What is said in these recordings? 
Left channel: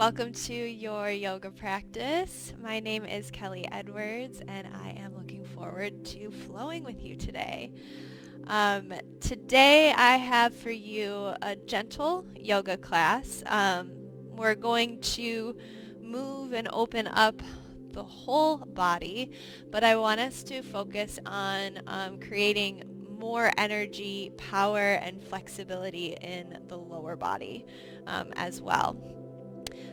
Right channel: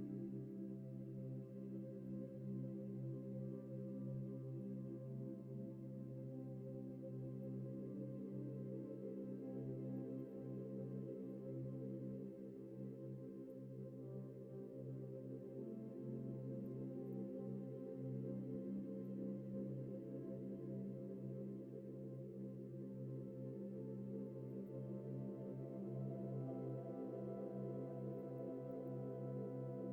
Welcome to your yoga practice. My name is Kelley Edwards, and I am looking forward to flowing with you today. Today I have for you a gentle yoga class. We're going to move and open up the whole body, but I want us to focus on creating more energy, power, and flexibility in the lower body as well.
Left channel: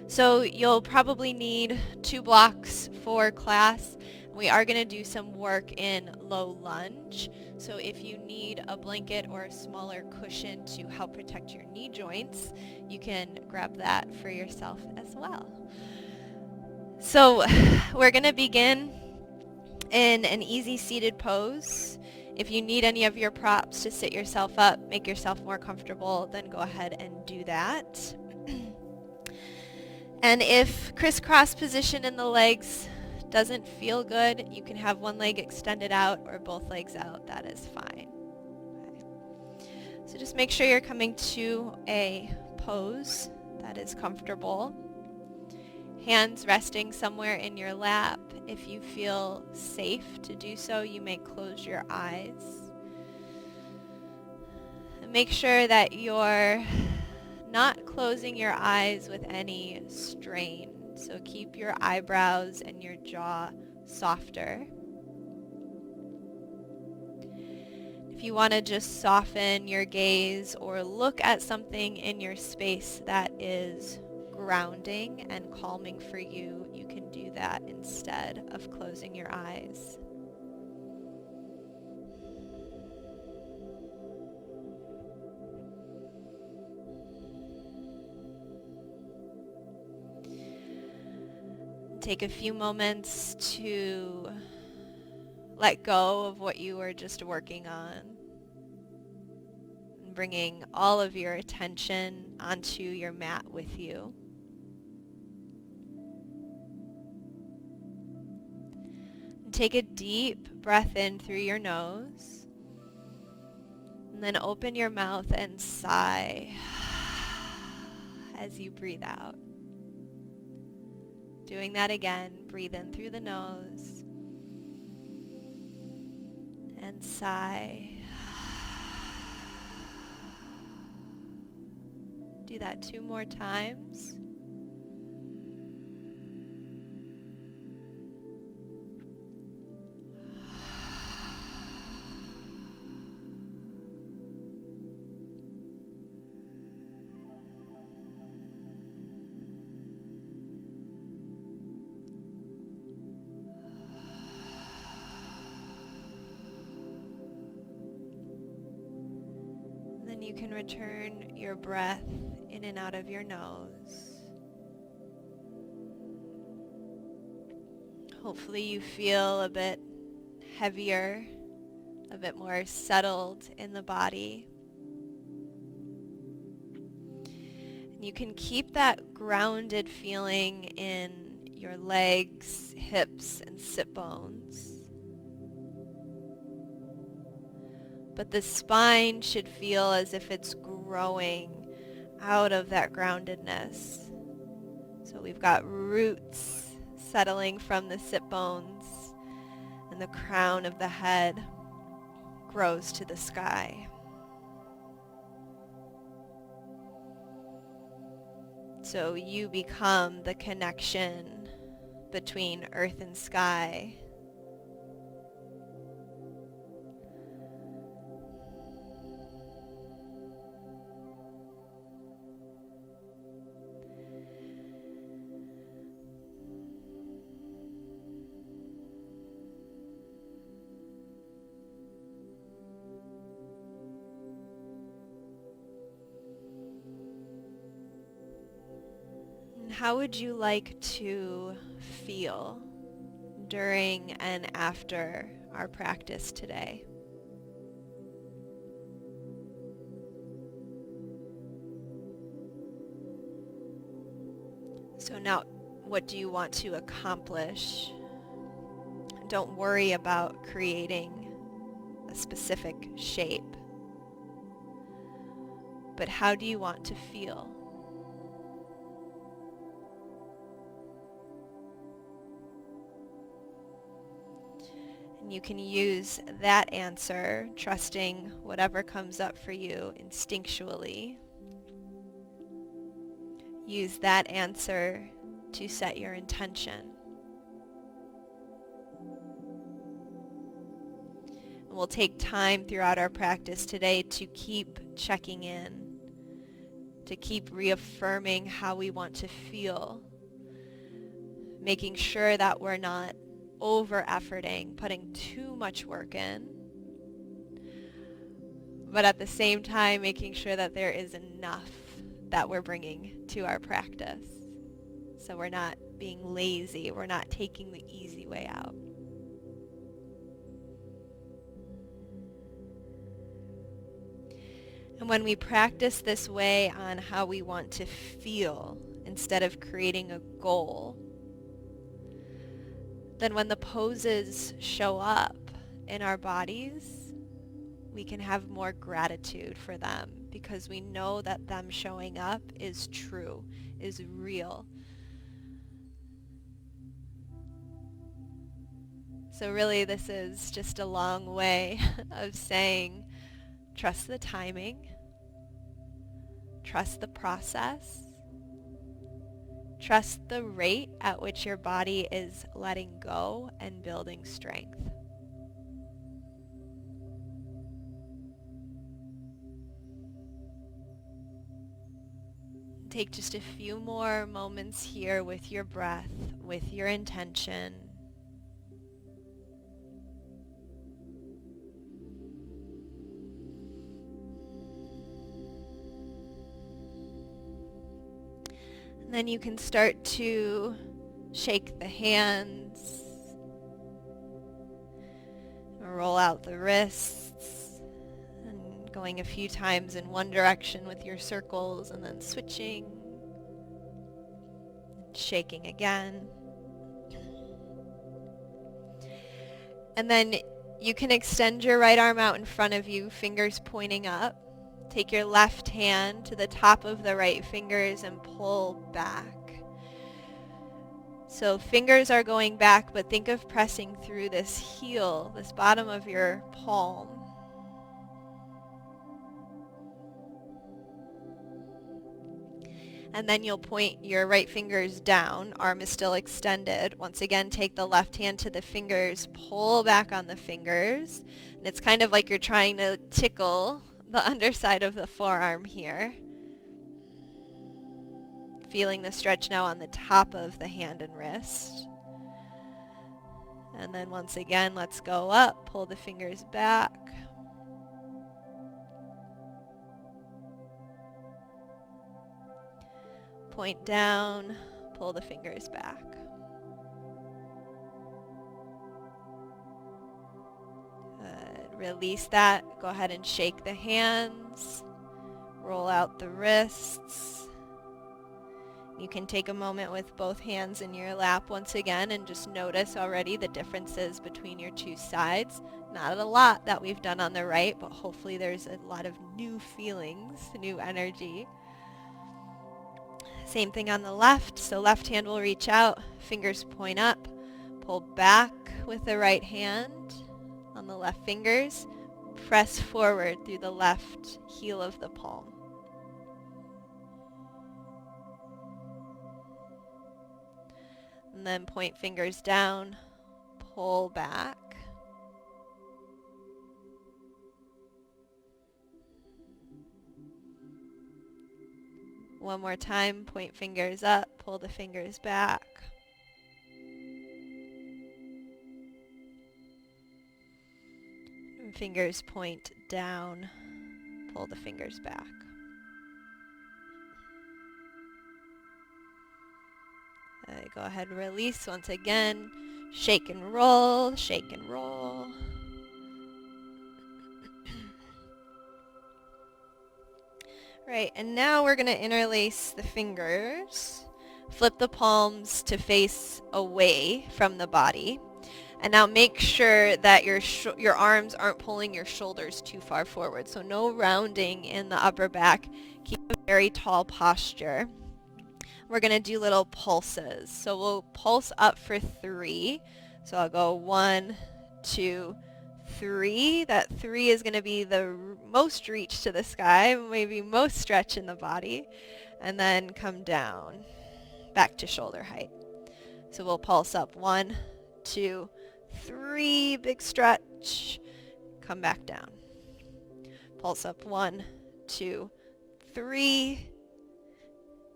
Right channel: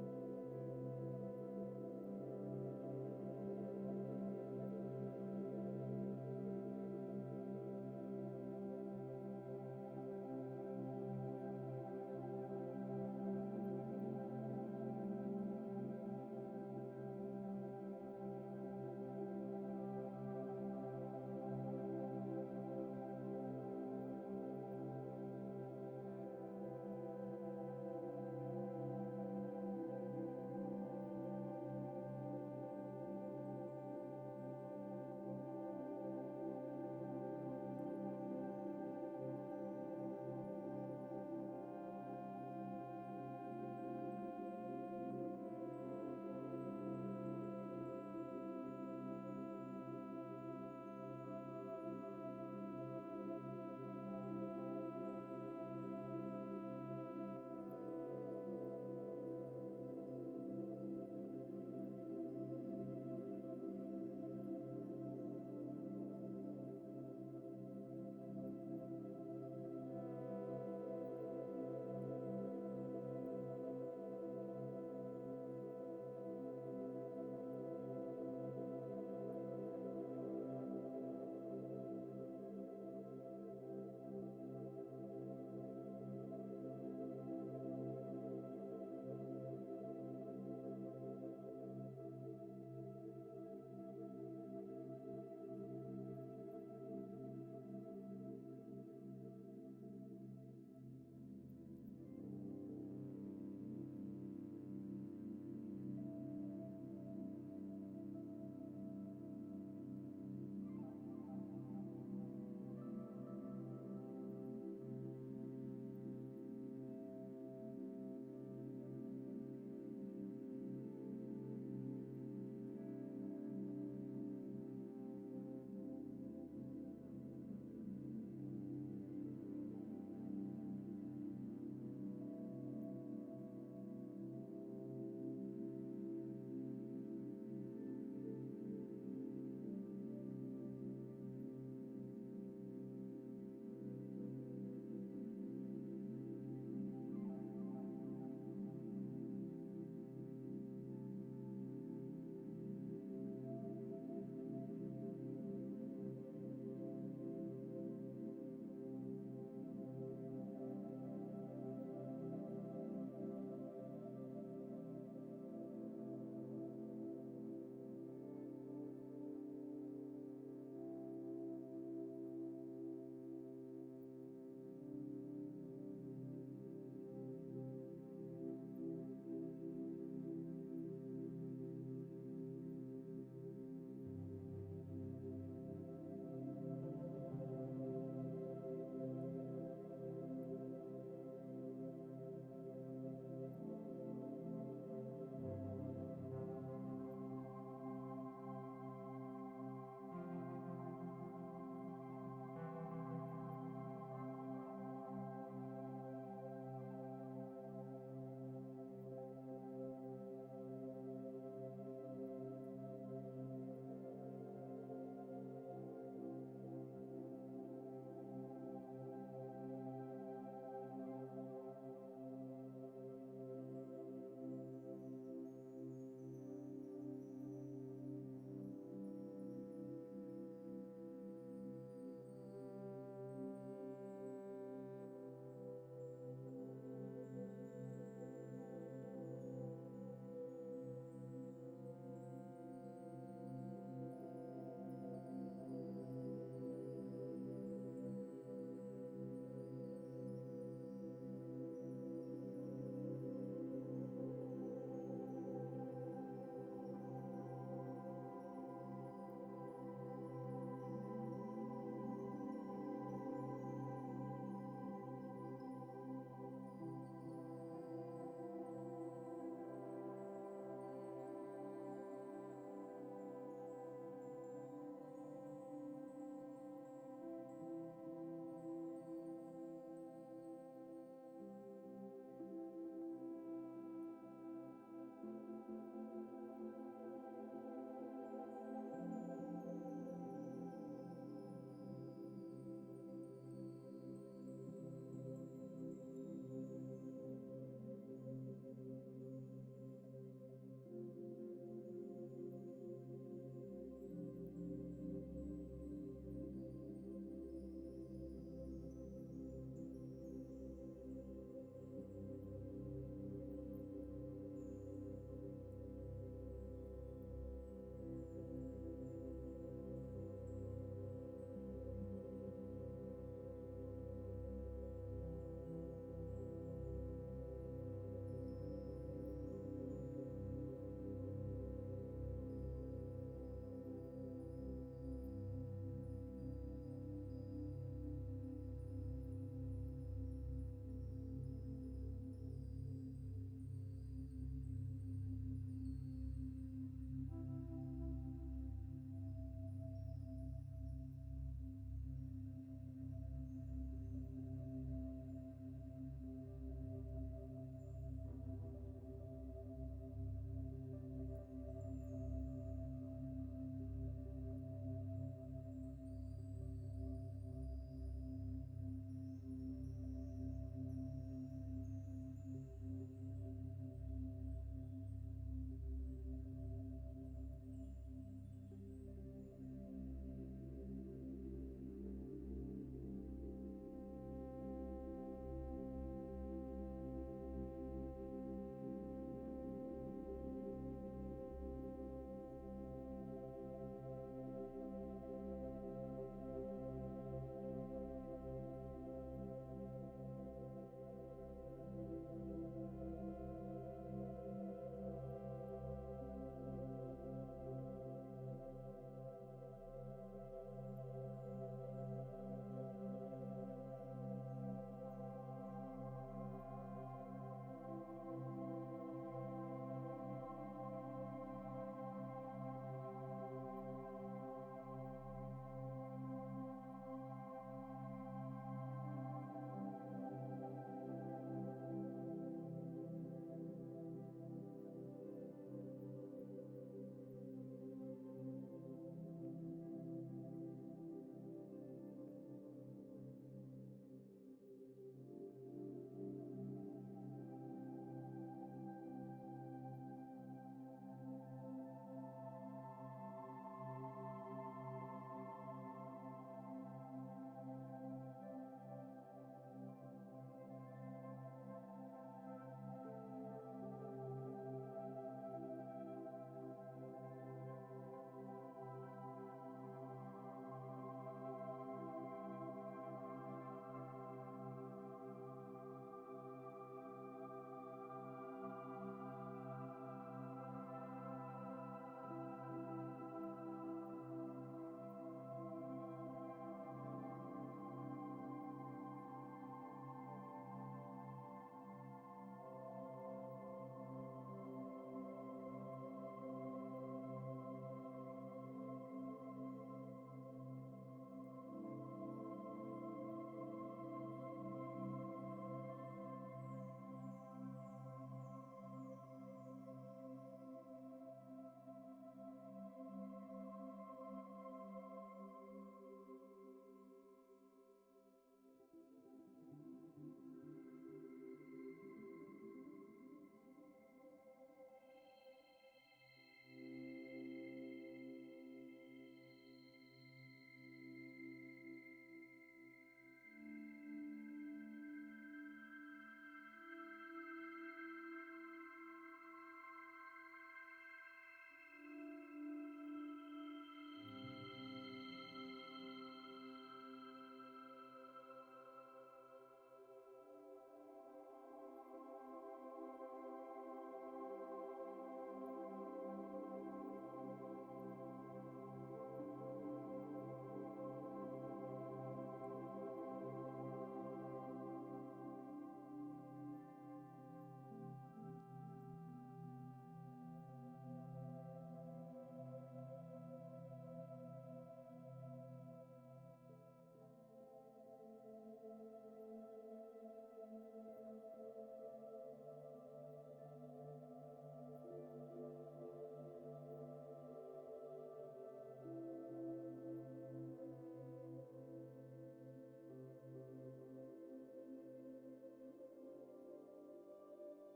So you'll probably need 2 blocks for class. We are going to do some work in low lunge. So if you need a blanket or a smaller cushion to help protect your knee joints, you can grab that for yourself as well. So we're going to begin in an easy seated pose. If you need any of your props to sit yourself up, make yourself more comfortable, then go ahead and do that. And if crisscross position in the legs doesn't feel good, you can have one leg extended out or both legs out. That is fine. Okay. So just make sure you're coming to a pose that is comfortable. Hands resting somewhere in your lap. If you feel safe to do so, you may close your eyes. And make sure that you're not closing your eyes with any strain. So keep your eyebrows and your jaw softer. If you want to just soften your gaze or look at something in your space that is grounding and calming for you, you can do that instead of closing your eyes. Take a few moments to let go of what you were just working on, bringing all of your attention onto your mat with you. Take a deep breath in through your nose, and then open your mouth and sigh as you breathe out. Doing that again, breathe in through the nose and sigh. Do that 2 more times. You can return your breath in and out of your nose. Hopefully you feel a bit heavier, a bit more settled in the body. And you can keep that grounded feeling in your legs, hips, and sit bones. But the spine should feel as if it's growing out of that groundedness. So we've got roots settling from the sit bones, and the crown of the head grows to the sky. So you become the connection between earth and sky. How would you like to feel during and after our practice today? So now, what do you want to accomplish? Don't worry about creating a specific shape, but how do you want to feel? you can use that answer, trusting whatever comes up for you instinctually. Use that answer to set your intention. We'll take time throughout our practice today to keep checking in, to keep reaffirming how we want to feel, making sure that we're not over-efforting, putting too much work in, but at the same time making sure that there is enough that we're bringing to our practice. So we're not being lazy, we're not taking the easy way out. And when we practice this way on how we want to feel instead of creating a goal, then when the poses show up in our bodies, we can have more gratitude for them because we know that them showing up is true, is real. So really this is just a long way of saying, trust the timing, trust the process, trust the rate at which your body is letting go and building strength. Take just a few more moments here with your breath, with your intention. And then you can start to shake the hands, roll out the wrists, and going a few times in one direction with your circles and then switching, shaking again. And then you can extend your right arm out in front of you, fingers pointing up. Take your left hand to the top of the right fingers and pull back. So fingers are going back, but think of pressing through this heel, this bottom of your palm. And then you'll point your right fingers down, arm is still extended. Once again, take the left hand to the fingers, pull back on the fingers. And it's kind of like you're trying to tickle the underside of the forearm here. Feeling the stretch now on the top of the hand and wrist. And then once again, let's go up, pull the fingers back. Point down, pull the fingers back. Good. Release that. Go ahead and shake the hands. Roll out the wrists. You can take a moment with both hands in your lap once again and just notice already the differences between your two sides. Not a lot that we've done on the right, but hopefully there's a lot of new feelings, new energy. Same thing on the left, so left hand will reach out, fingers point up, pull back with the right hand on the left fingers, press forward through the left heel of the palm. And then point fingers down, pull back. One more time, point fingers up, pull the fingers back. And fingers point down, pull the fingers back. Go ahead, release once again. Shake and roll, shake and roll. Right, and now we're going to interlace the fingers. Flip the palms to face away from the body. And now make sure that your arms aren't pulling your shoulders too far forward. So no rounding in the upper back. Keep a very tall posture. We're going to do little pulses. So we'll pulse up for 3. So I'll go 1, 2, 3. That 3 is going to be the most reach to the sky, maybe most stretch in the body. And then come down, back to shoulder height. So we'll pulse up 1, 2, 3, big stretch, come back down. Pulse up 1, 2, 3,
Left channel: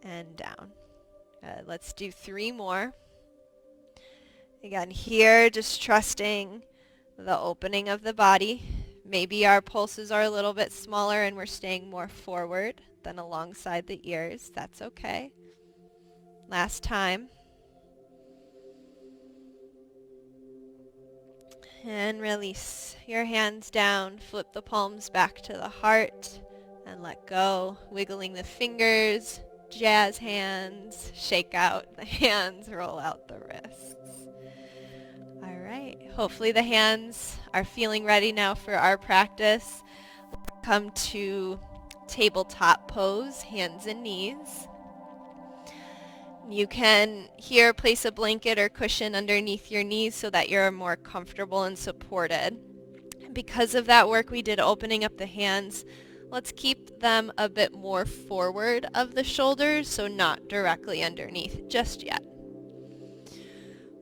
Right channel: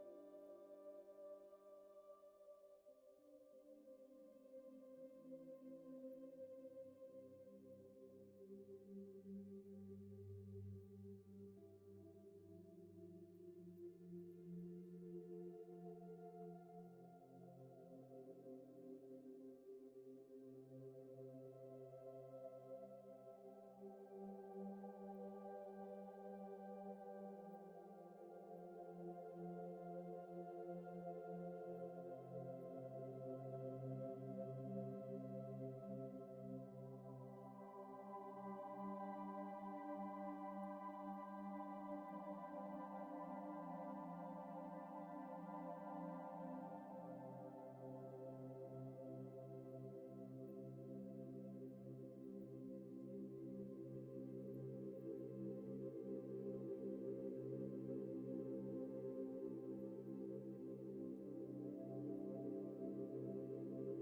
and down. Let's do 3 more. Again, here, just trusting the opening of the body. Maybe our pulses are a little bit smaller and we're staying more forward than alongside the ears. That's okay. Last time. And release your hands down. Flip the palms back to the heart and let go. Wiggling the fingers, jazz hands, shake out the hands, roll out the wrists. All right. Hopefully the hands are feeling ready now for our practice. Come to tabletop pose, hands and knees. You can here place a blanket or cushion underneath your knees so that you're more comfortable and supported. Because of that work we did opening up the hands, let's keep them a bit more forward of the shoulders, so not directly underneath just yet.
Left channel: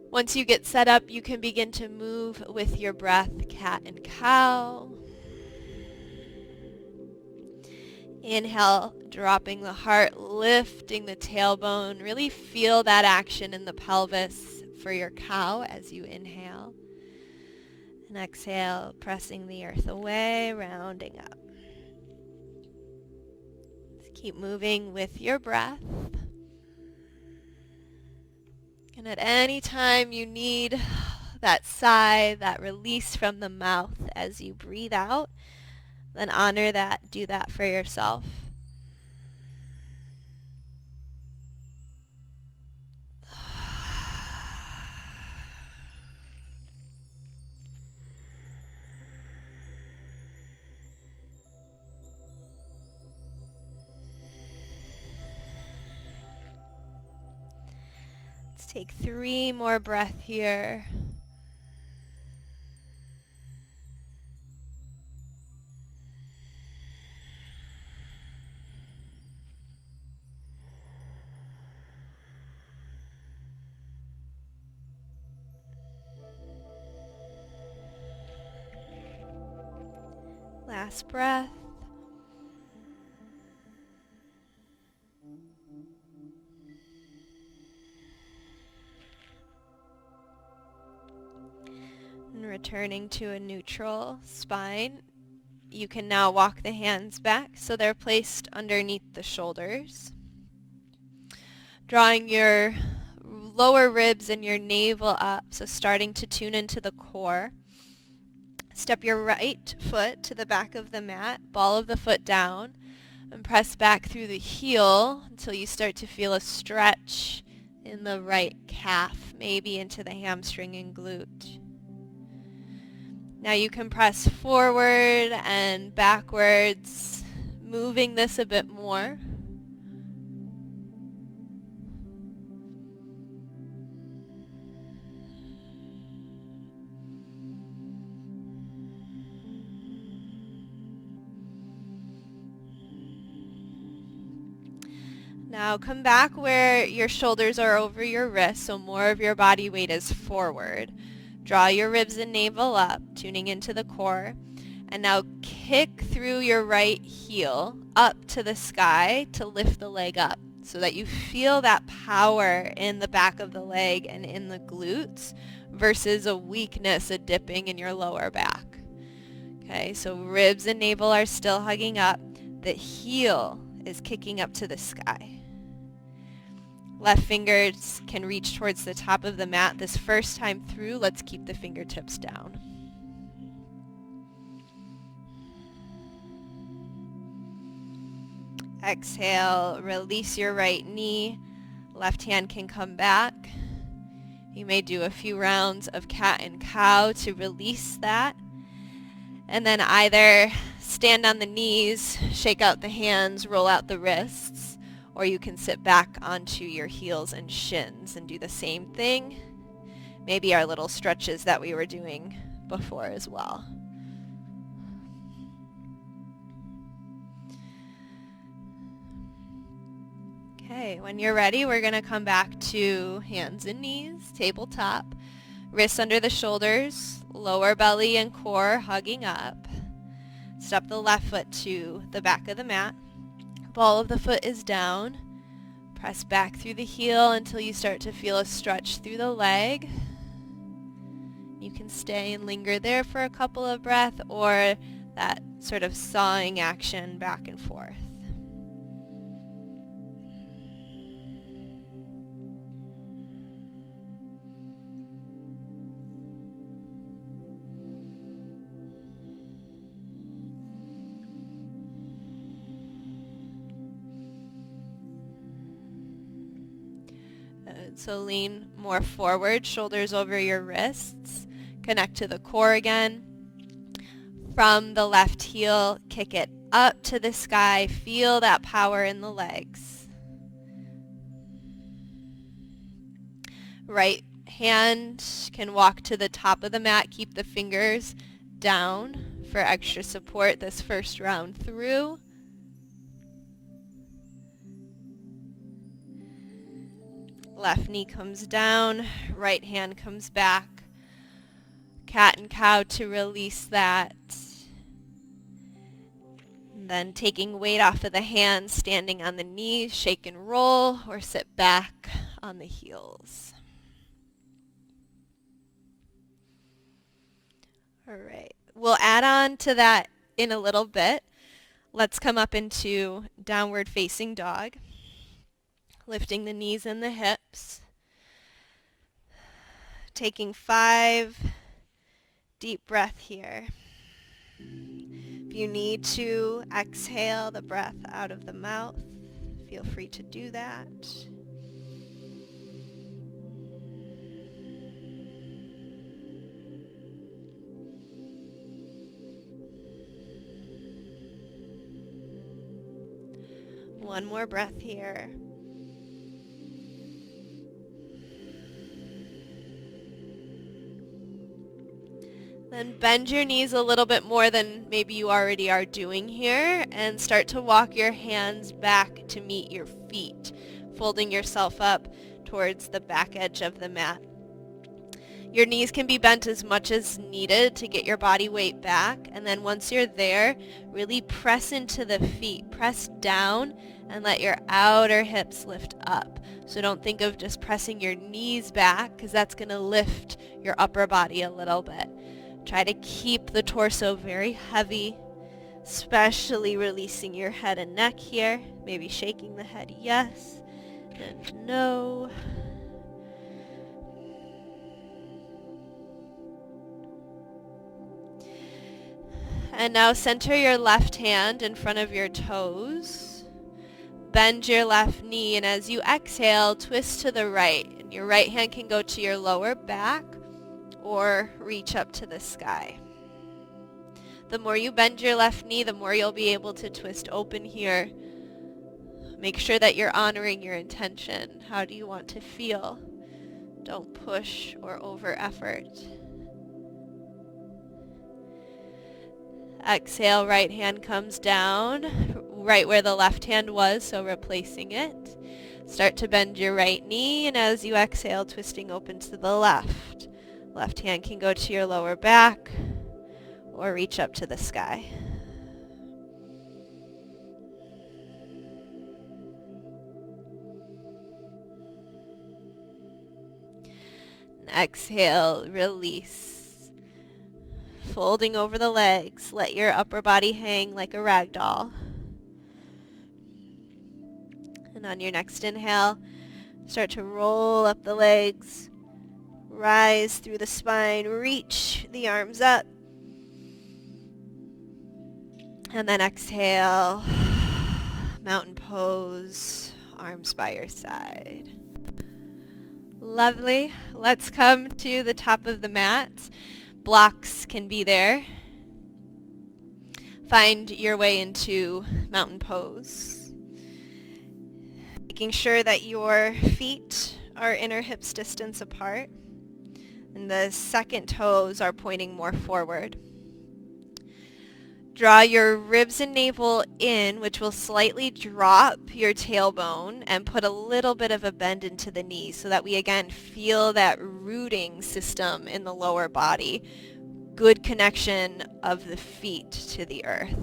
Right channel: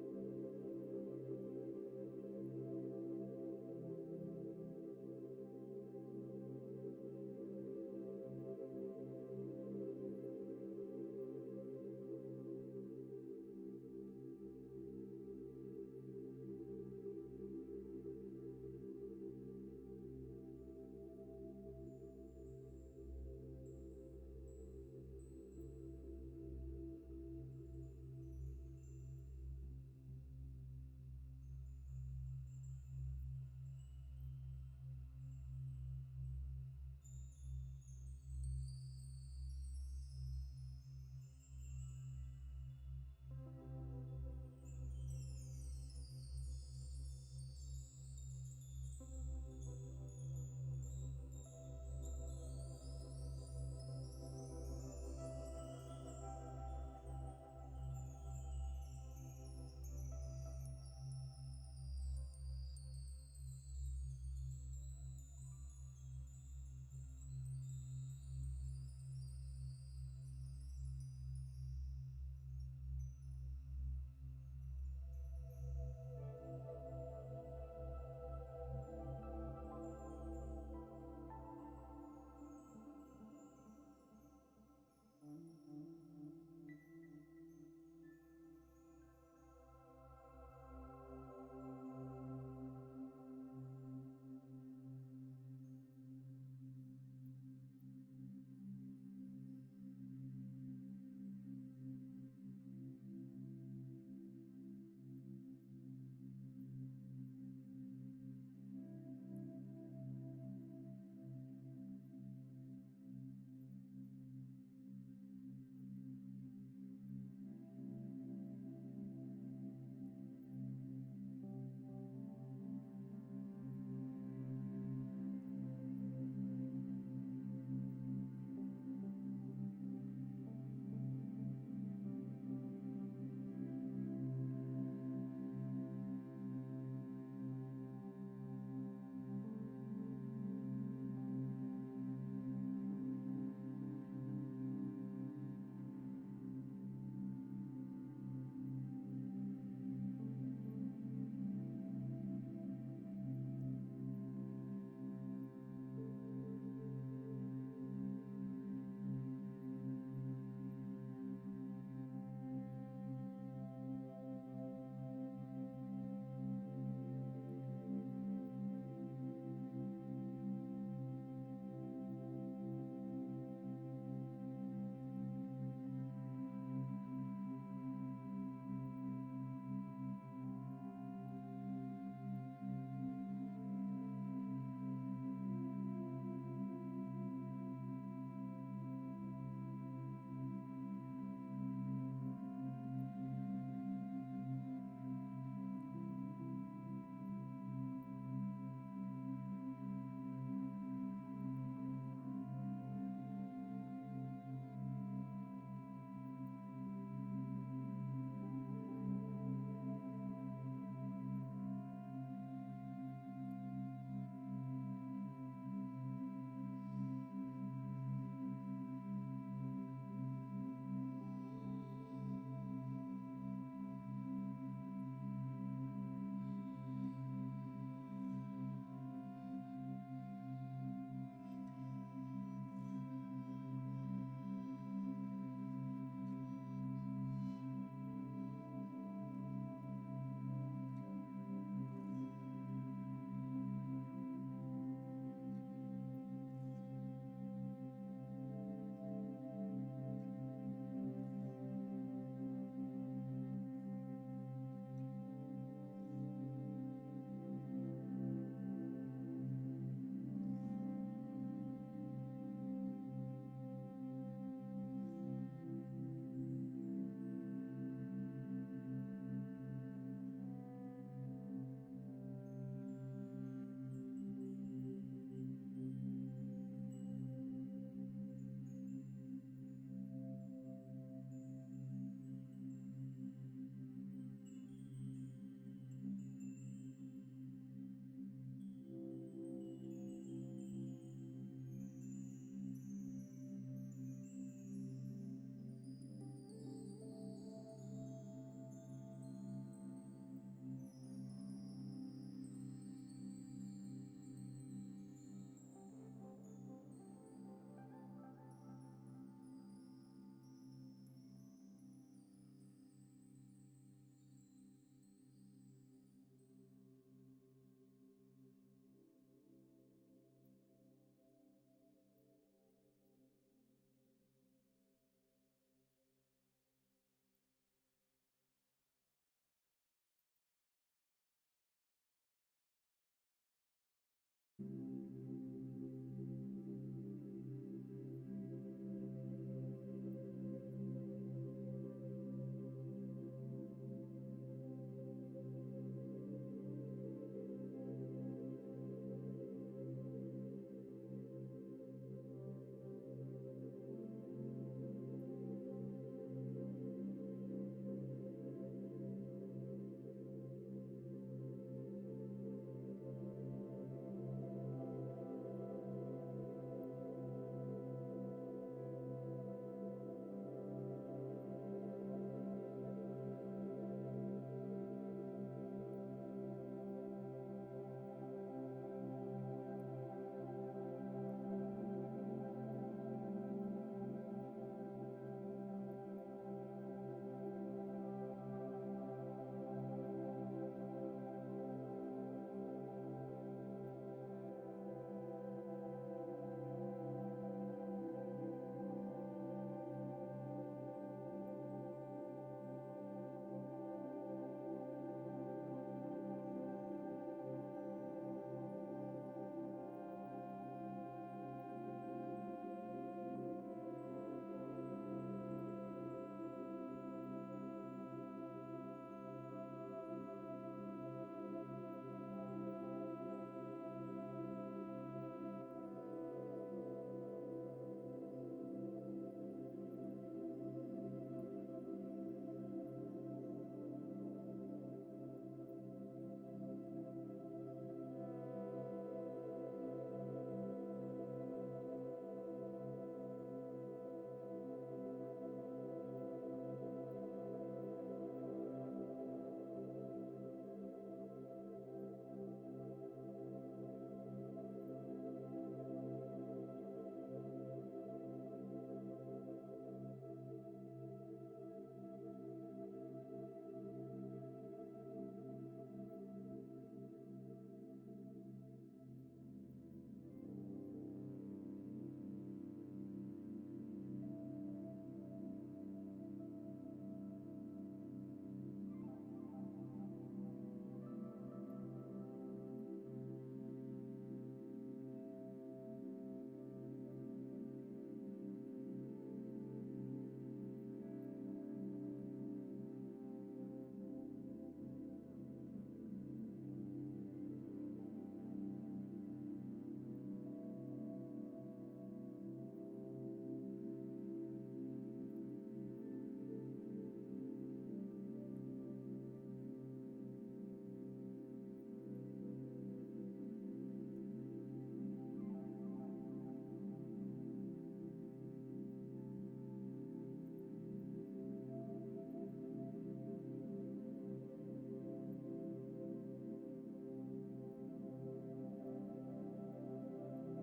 Once you get set up, you can begin to move with your breath, cat and cow. Inhale, dropping the heart, lifting the tailbone. Really feel that action in the pelvis for your cow as you inhale. And exhale, pressing the earth away, rounding up. Just keep moving with your breath. And at any time you need that sigh, that release from the mouth as you breathe out, then honor that. Do that for yourself. Let's take 3 more breaths here. Last breath. And returning to a neutral spine. You can now walk the hands back so they're placed underneath the shoulders. Drawing your lower ribs and your navel up, so starting to tune into the core. Step your right foot to the back of the mat, ball of the foot down, and press back through the heel until you start to feel a stretch in the right calf, maybe into the hamstring and glute. Now you can press forward and backwards, moving this a bit more. Now come back where your shoulders are over your wrists, so more of your body weight is forward. Draw your ribs and navel up, tuning into the core. And now kick through your right heel up to the sky to lift the leg up so that you feel that power in the back of the leg and in the glutes versus a weakness, a dipping in your lower back. Okay, so ribs and navel are still hugging up. The heel is kicking up to the sky. Left fingers can reach towards the top of the mat. This first time through, let's keep the fingertips down. Exhale, release your right knee. Left hand can come back. You may do a few rounds of cat and cow to release that. And then either stand on the knees, shake out the hands, roll out the wrists, or you can sit back onto your heels and shins and do the same thing. Maybe our little stretches that we were doing before as well. Okay, when you're ready, we're going to come back to hands and knees, tabletop, wrists under the shoulders, lower belly and core hugging up. Step the left foot to the back of the mat. Ball of the foot is down. Press back through the heel until you start to feel a stretch through the leg. You can stay and linger there for a couple of breaths, or that sort of sawing action back and forth. So lean more forward, shoulders over your wrists. Connect to the core again. From the left heel, kick it up to the sky. Feel that power in the legs. Right hand can walk to the top of the mat. Keep the fingers down for extra support this first round through. Left knee comes down, right hand comes back. Cat and cow to release that. And then taking weight off of the hands, standing on the knees, shake and roll, or sit back on the heels. All right, we'll add on to that in a little bit. Let's come up into downward facing dog. Lifting the knees and the hips. Taking 5 deep breaths here. If you need to exhale the breath out of the mouth, feel free to do that. One more breath here. Then bend your knees a little bit more than maybe you already are doing here, and start to walk your hands back to meet your feet, folding yourself up towards the back edge of the mat. Your knees can be bent as much as needed to get your body weight back, and then once you're there, really press into the feet. Press down and let your outer hips lift up. So don't think of just pressing your knees back, because that's going to lift your upper body a little bit. Try to keep the torso very heavy, especially releasing your head and neck here. Maybe shaking the head yes and no. And now center your left hand in front of your toes. Bend your left knee, and as you exhale, twist to the right. And your right hand can go to your lower back or reach up to the sky. The more you bend your left knee, the more you'll be able to twist open here. Make sure that you're honoring your intention. How do you want to feel? Don't push or over effort. Exhale, right hand comes down, right where the left hand was, so replacing it. Start to bend your right knee, and as you exhale, twisting open to the left. Left hand can go to your lower back or reach up to the sky. And exhale, release. Folding over the legs, let your upper body hang like a rag doll. And on your next inhale, start to roll up the legs, rise through the spine, reach the arms up. And then exhale, mountain pose, arms by your side. Lovely. Let's come to the top of the mat. Blocks can be there. Find your way into mountain pose. Making sure that your feet are inner hips distance apart. and the second toes are pointing more forward. Draw your ribs and navel in, which will slightly drop your tailbone and put a little bit of a bend into the knees so that we again feel that rooting system in the lower body. Good connection of the feet to the earth.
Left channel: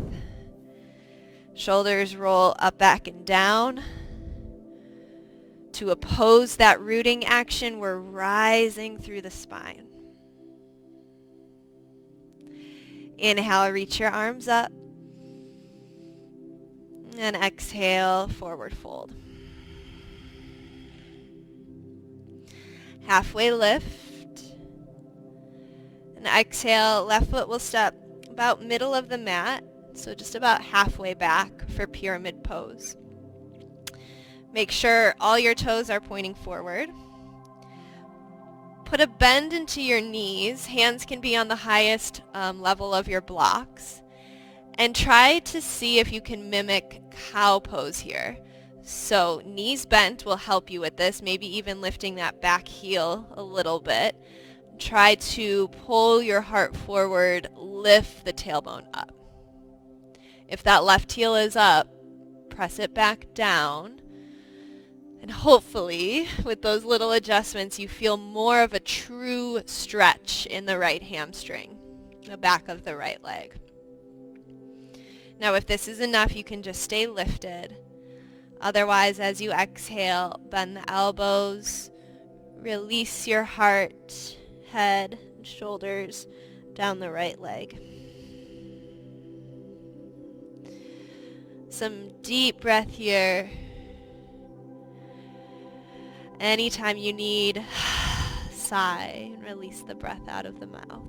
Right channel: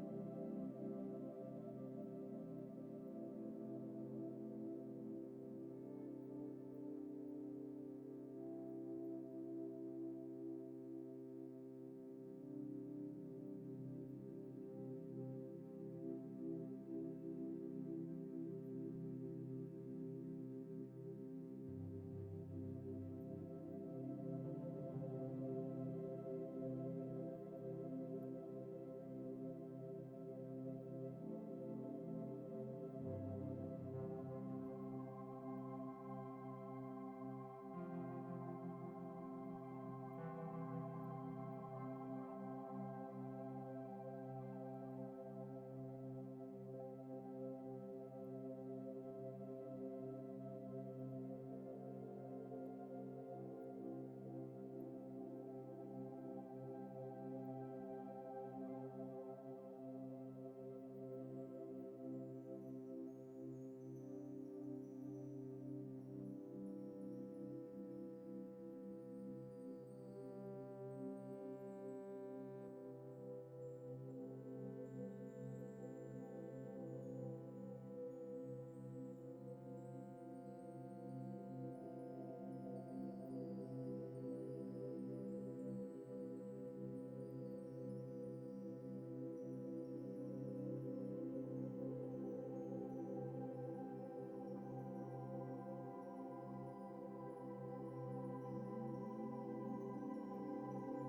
Shoulders roll up, back, and down. To oppose that rooting action, we're rising through the spine. Inhale, reach your arms up. And exhale, forward fold. Halfway lift. And exhale, left foot will step about middle of the mat, so just about halfway back for pyramid pose. Make sure all your toes are pointing forward. Put a bend into your knees. Hands can be on the highest level of your blocks. And try to see if you can mimic cow pose here. So knees bent will help you with this, maybe even lifting that back heel a little bit. Try to pull your heart forward, lift the tailbone up. If that left heel is up, press it back down. And hopefully, with those little adjustments, you feel more of a true stretch in the right hamstring, the back of the right leg. Now, if this is enough, you can just stay lifted. Otherwise, as you exhale, bend the elbows, release your heart, head, and shoulders down the right leg. Some deep breath here. Anytime you need, sigh and release the breath out of the mouth.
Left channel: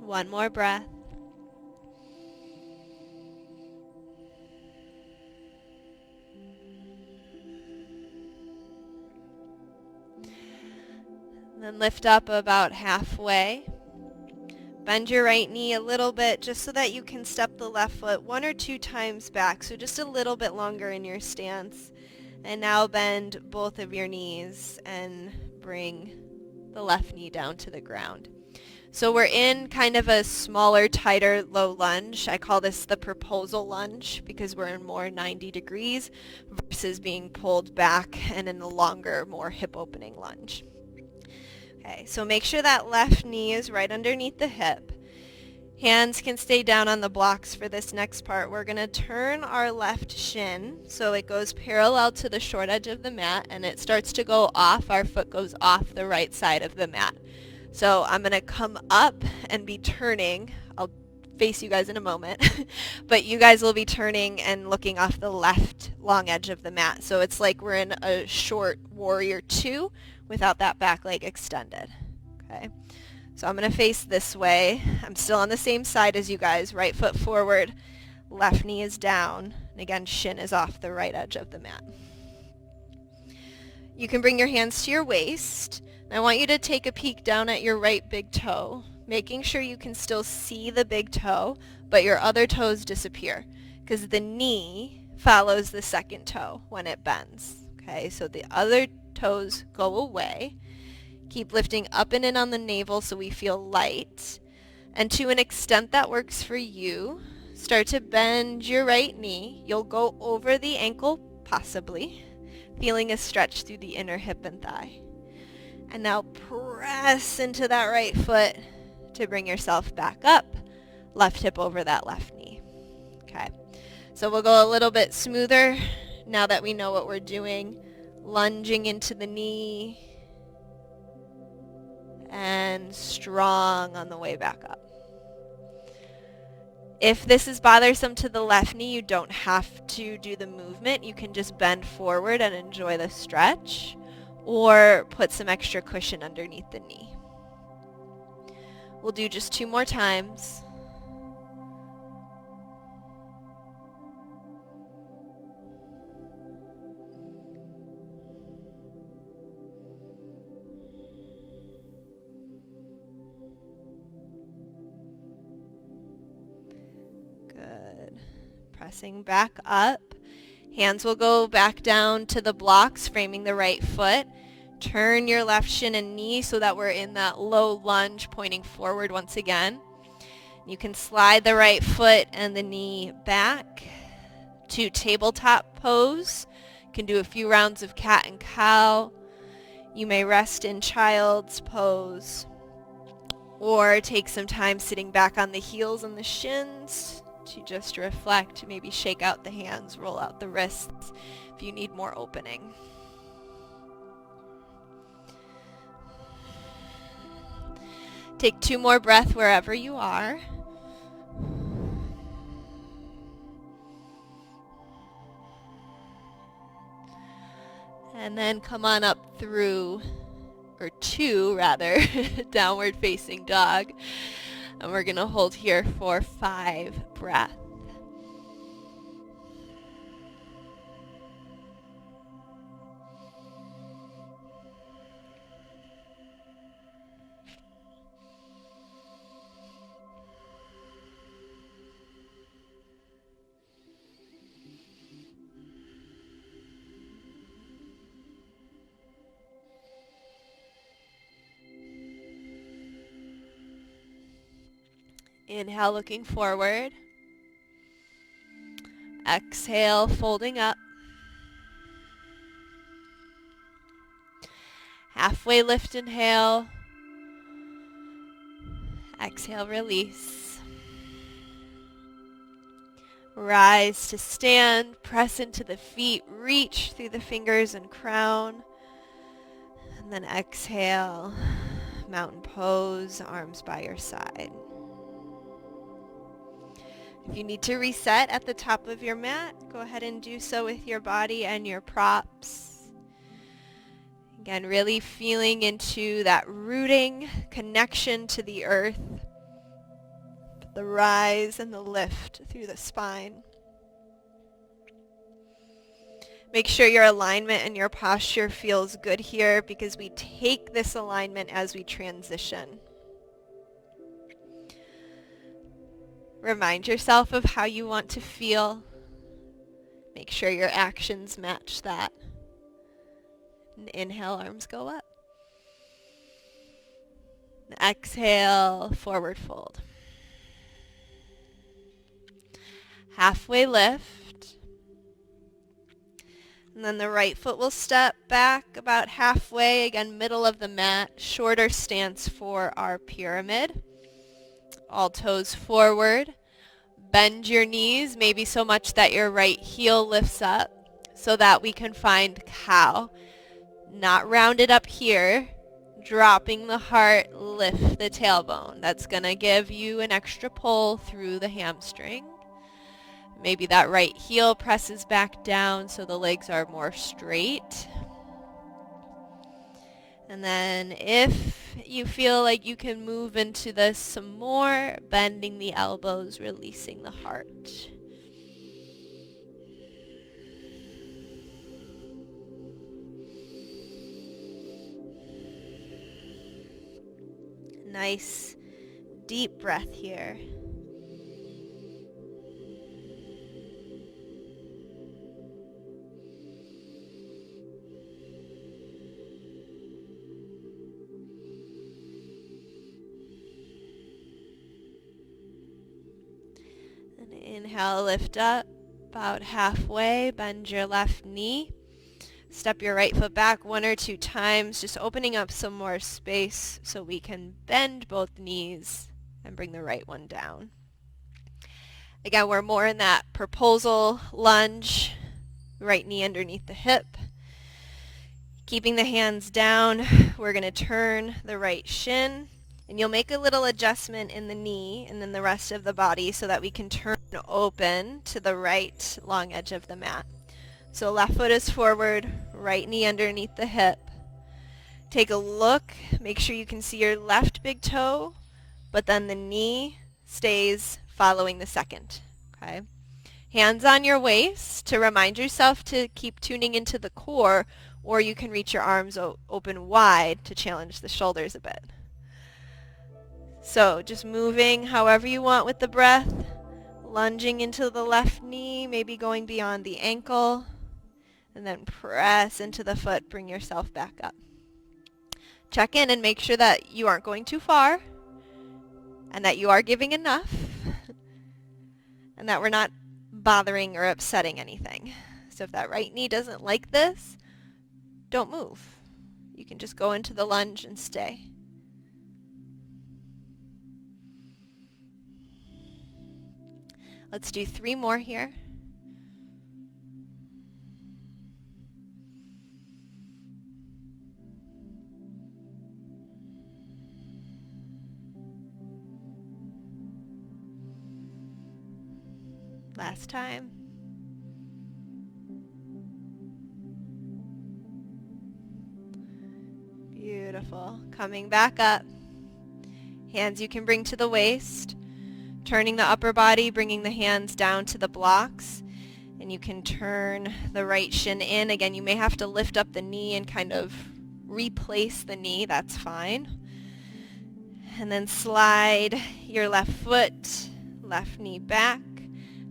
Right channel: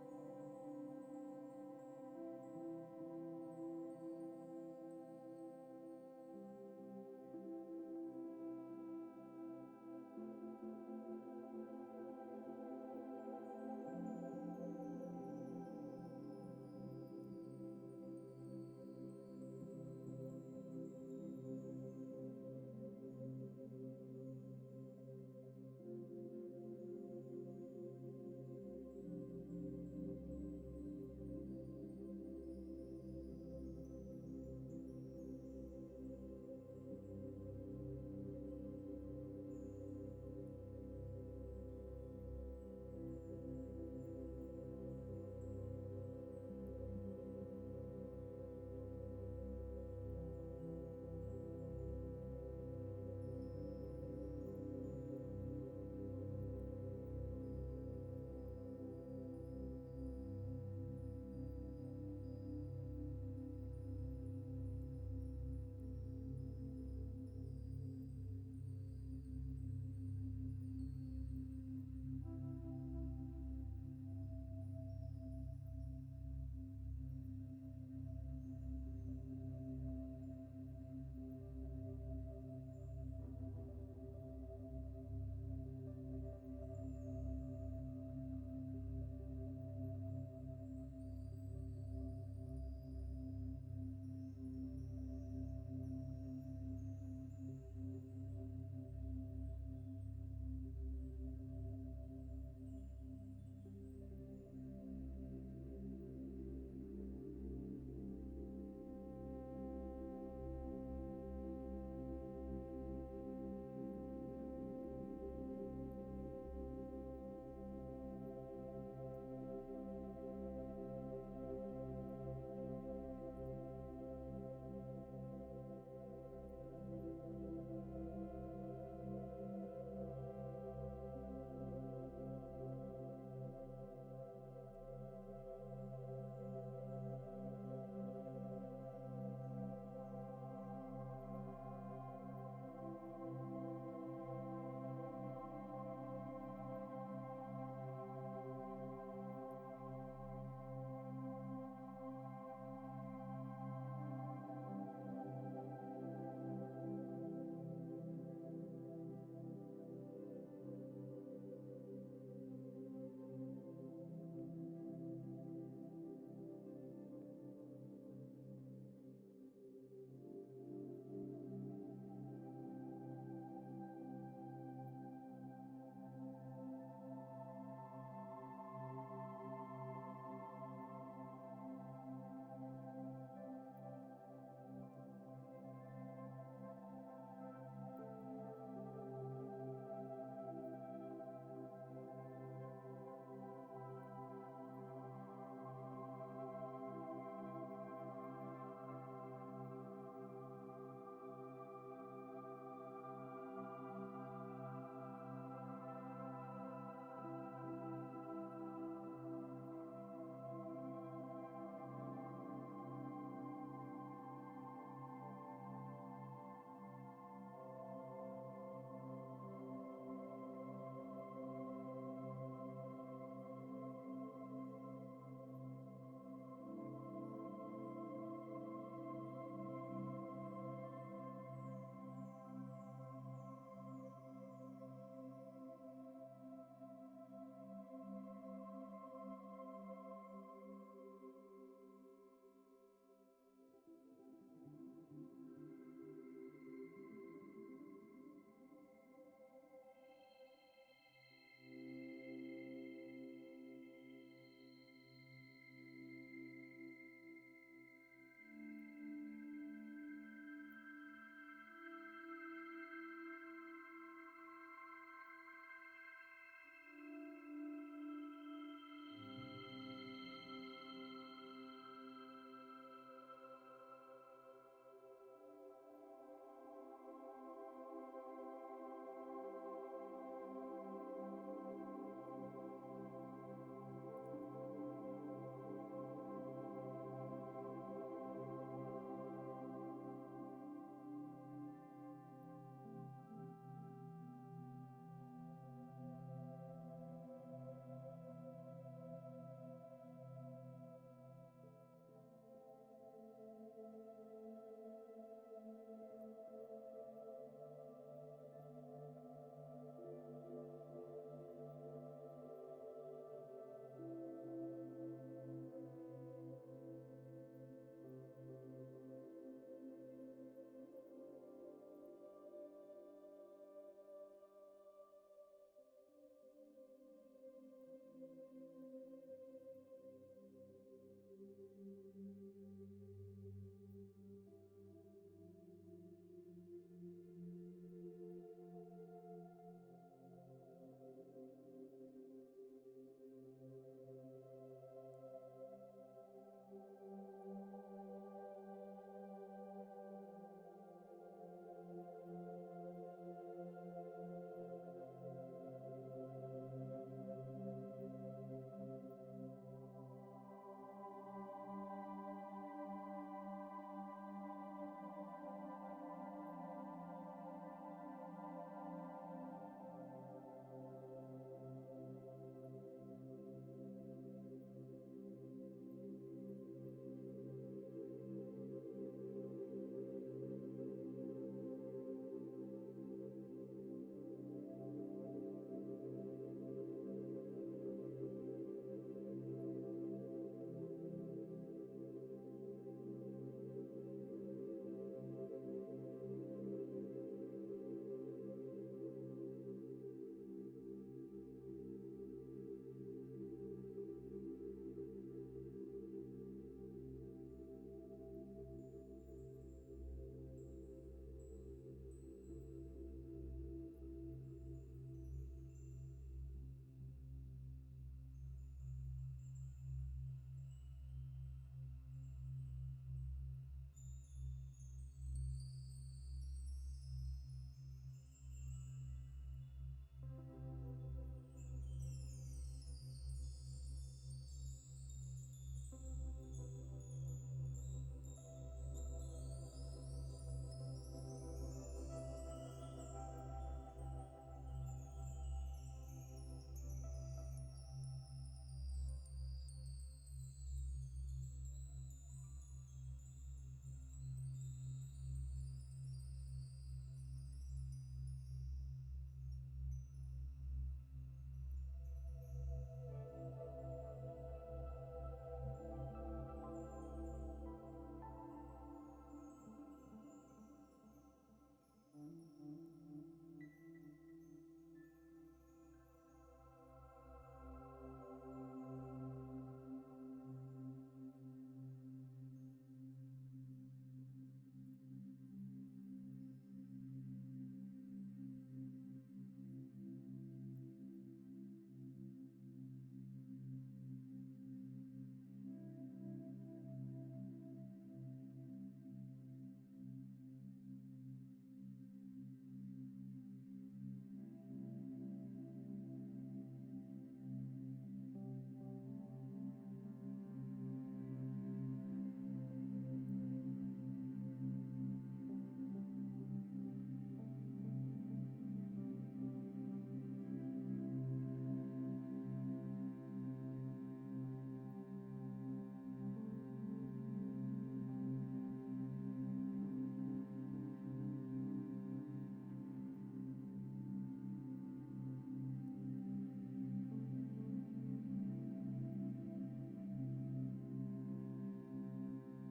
One more breath. Then lift up about halfway. Bend your right knee a little bit just so that you can step the left foot 1 or 2 times back, so just a little bit longer in your stance. And now bend both of your knees and bring the left knee down to the ground. So we're in kind of a smaller, tighter, low lunge. I call this the proposal lunge because we're in more 90 degrees versus being pulled back and in the longer, more hip opening lunge. Okay, so make sure that left knee is right underneath the hip. Hands can stay down on the blocks for this next part. We're going to turn our left shin so it goes parallel to the short edge of the mat and it starts to go off. Our foot goes off the right side of the mat. So I'm going to come up and be turning. I'll face you guys in a moment. But you guys will be turning and looking off the left long edge of the mat. So it's like we're in a short warrior 2 without that back leg extended. Okay. So I'm going to face this way. I'm still on the same side as you guys. Right foot forward. Left knee is down. And again, shin is off the right edge of the mat. You can bring your hands to your waist. I want you to take a peek down at your right big toe, making sure you can still see the big toe, but your other toes disappear because the knee follows the second toe when it bends. Okay, so the other toes go away. Keep lifting up and in on the navel so we feel light. And to an extent that works for you, start to bend your right knee. You'll go over the ankle, possibly, feeling a stretch through the inner hip and thigh. And now press into that right foot to bring yourself back up. Left hip over that left knee. Okay. So we'll go a little bit smoother now that we know what we're doing. Lunging into the knee. And strong on the way back up. If this is bothersome to the left knee, you don't have to do the movement. You can just bend forward and enjoy the stretch. Or put some extra cushion underneath the knee. We'll do just 2 more times. Pressing back up. Hands will go back down to the blocks, framing the right foot. Turn your left shin and knee so that we're in that low lunge, pointing forward once again. You can slide the right foot and the knee back to tabletop pose. You can do a few rounds of cat and cow. You may rest in child's pose or take some time sitting back on the heels and the shins to just reflect, maybe shake out the hands, roll out the wrists if you need more opening. Take 2 more breaths wherever you are. And then come on up through, or 2 rather, downward facing dog. And we're going to hold here for 5 breaths. Inhale, looking forward. Exhale, folding up. Halfway lift, inhale. Exhale, release. Rise to stand, press into the feet, reach through the fingers and crown. And then exhale, mountain pose, arms by your side. If you need to reset at the top of your mat, go ahead and do so with your body and your props. Again, really feeling into that rooting connection to the earth, the rise and the lift through the spine. Make sure your alignment and your posture feels good here because we take this alignment as we transition. Remind yourself of how you want to feel. Make sure your actions match that. And inhale, arms go up. And exhale, forward fold. Halfway lift. And then the right foot will step back about halfway, again, middle of the mat, shorter stance for our pyramid. All toes forward. Bend your knees, maybe so much that your right heel lifts up so that we can find cow. Not rounded up here. Dropping the heart, lift the tailbone. That's going to give you an extra pull through the hamstring. Maybe that right heel presses back down so the legs are more straight. And then if you feel like you can move into this some more, bending the elbows, releasing the heart. Nice deep breath here. Inhale, lift up about halfway, bend your left knee. Step your right foot back 1 or 2 times, just opening up some more space so we can bend both knees and bring the right one down. Again, we're more in that proposal lunge, right knee underneath the hip. Keeping the hands down, we're going to turn the right shin. And you'll make a little adjustment in the knee and then the rest of the body so that we can turn open to the right long edge of the mat. So left foot is forward, right knee underneath the hip. Take a look, make sure you can see your left big toe, but then the knee stays following the second. Okay? Hands on your waist to remind yourself to keep tuning into the core, or you can reach your arms open wide to challenge the shoulders a bit. So just moving however you want with the breath. Lunging into the left knee, maybe going beyond the ankle, and then press into the foot, bring yourself back up. Check in and make sure that you aren't going too far and that you are giving enough and that we're not bothering or upsetting anything. So if that right knee doesn't like this, don't move. You can just go into the lunge and stay. Let's do 3 more here. Last time. Beautiful. Coming back up. Hands you can bring to the waist. Turning the upper body, bringing the hands down to the blocks. And you can turn the right shin in. Again, you may have to lift up the knee and kind of replace the knee. That's fine. And then slide your left foot, left knee back,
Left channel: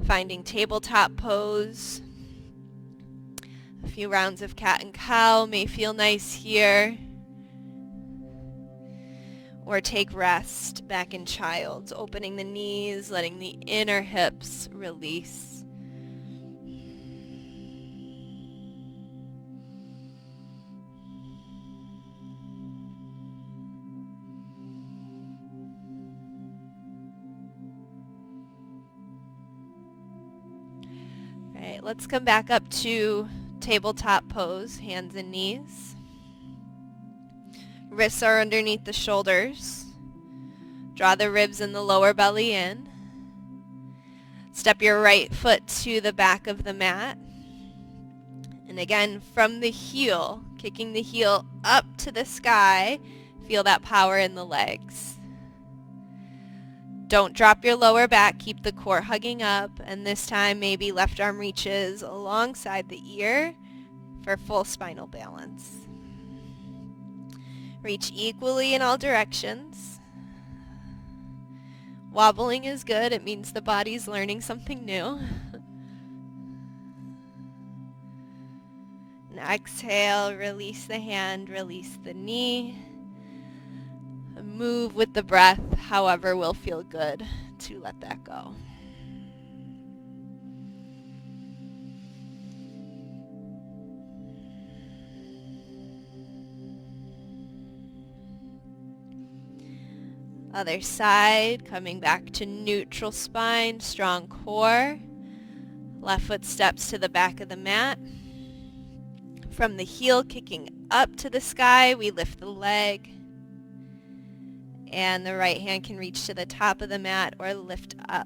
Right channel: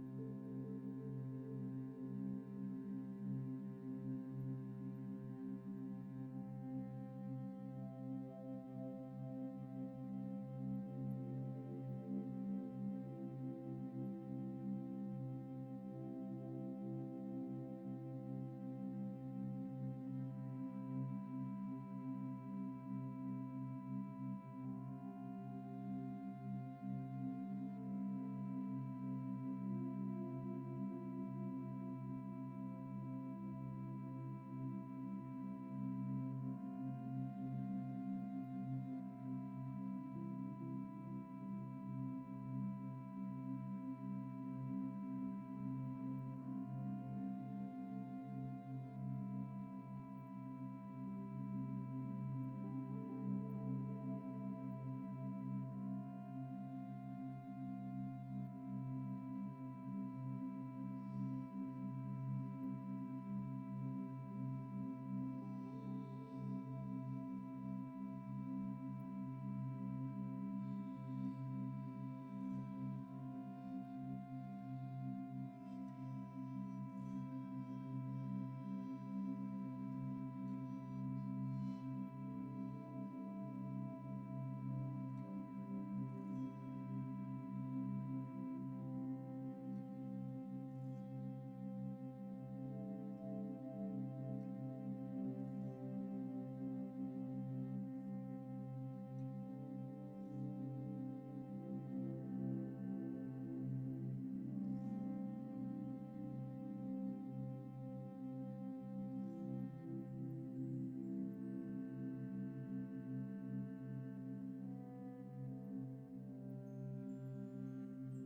finding tabletop pose. A few rounds of cat and cow may feel nice here. Or take rest back in child's, opening the knees, letting the inner hips release. All right, let's come back up to tabletop pose, hands and knees. Wrists are underneath the shoulders. Draw the ribs and the lower belly in. Step your right foot to the back of the mat. And again, from the heel, kicking the heel up to the sky, feel that power in the legs. Don't drop your lower back, keep the core hugging up, and this time maybe left arm reaches alongside the ear for full spinal balance. Reach equally in all directions. Wobbling is good. It means the body's learning something new. And exhale, release the hand, release the knee. Move with the breath, however will feel good to let that go. Other side, coming back to neutral spine, strong core. Left foot steps to the back of the mat. From the heel, kicking up to the sky, we lift the leg. And the right hand can reach to the top of the mat or lift up.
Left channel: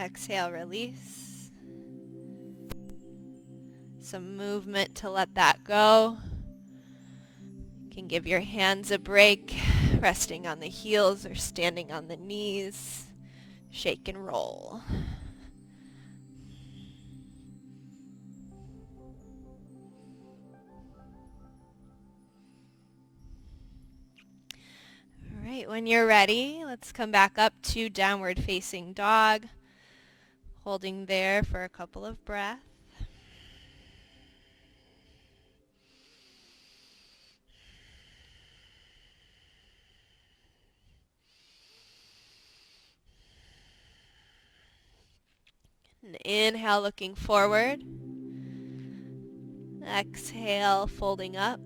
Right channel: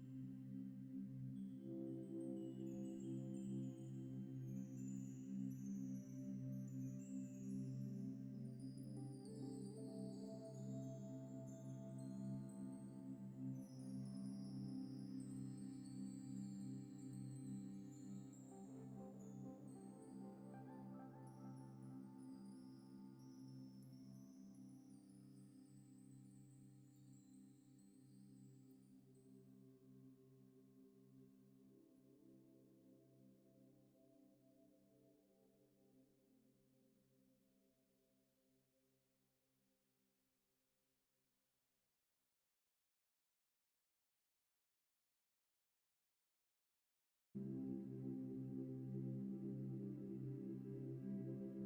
Exhale, release. Some movement to let that go. You can give your hands a break, resting on the heels or standing on the knees. Shake and roll. All right, when you're ready, let's come back up to downward facing dog. Holding there for a couple of breaths. And inhale, looking forward. Exhale, folding up.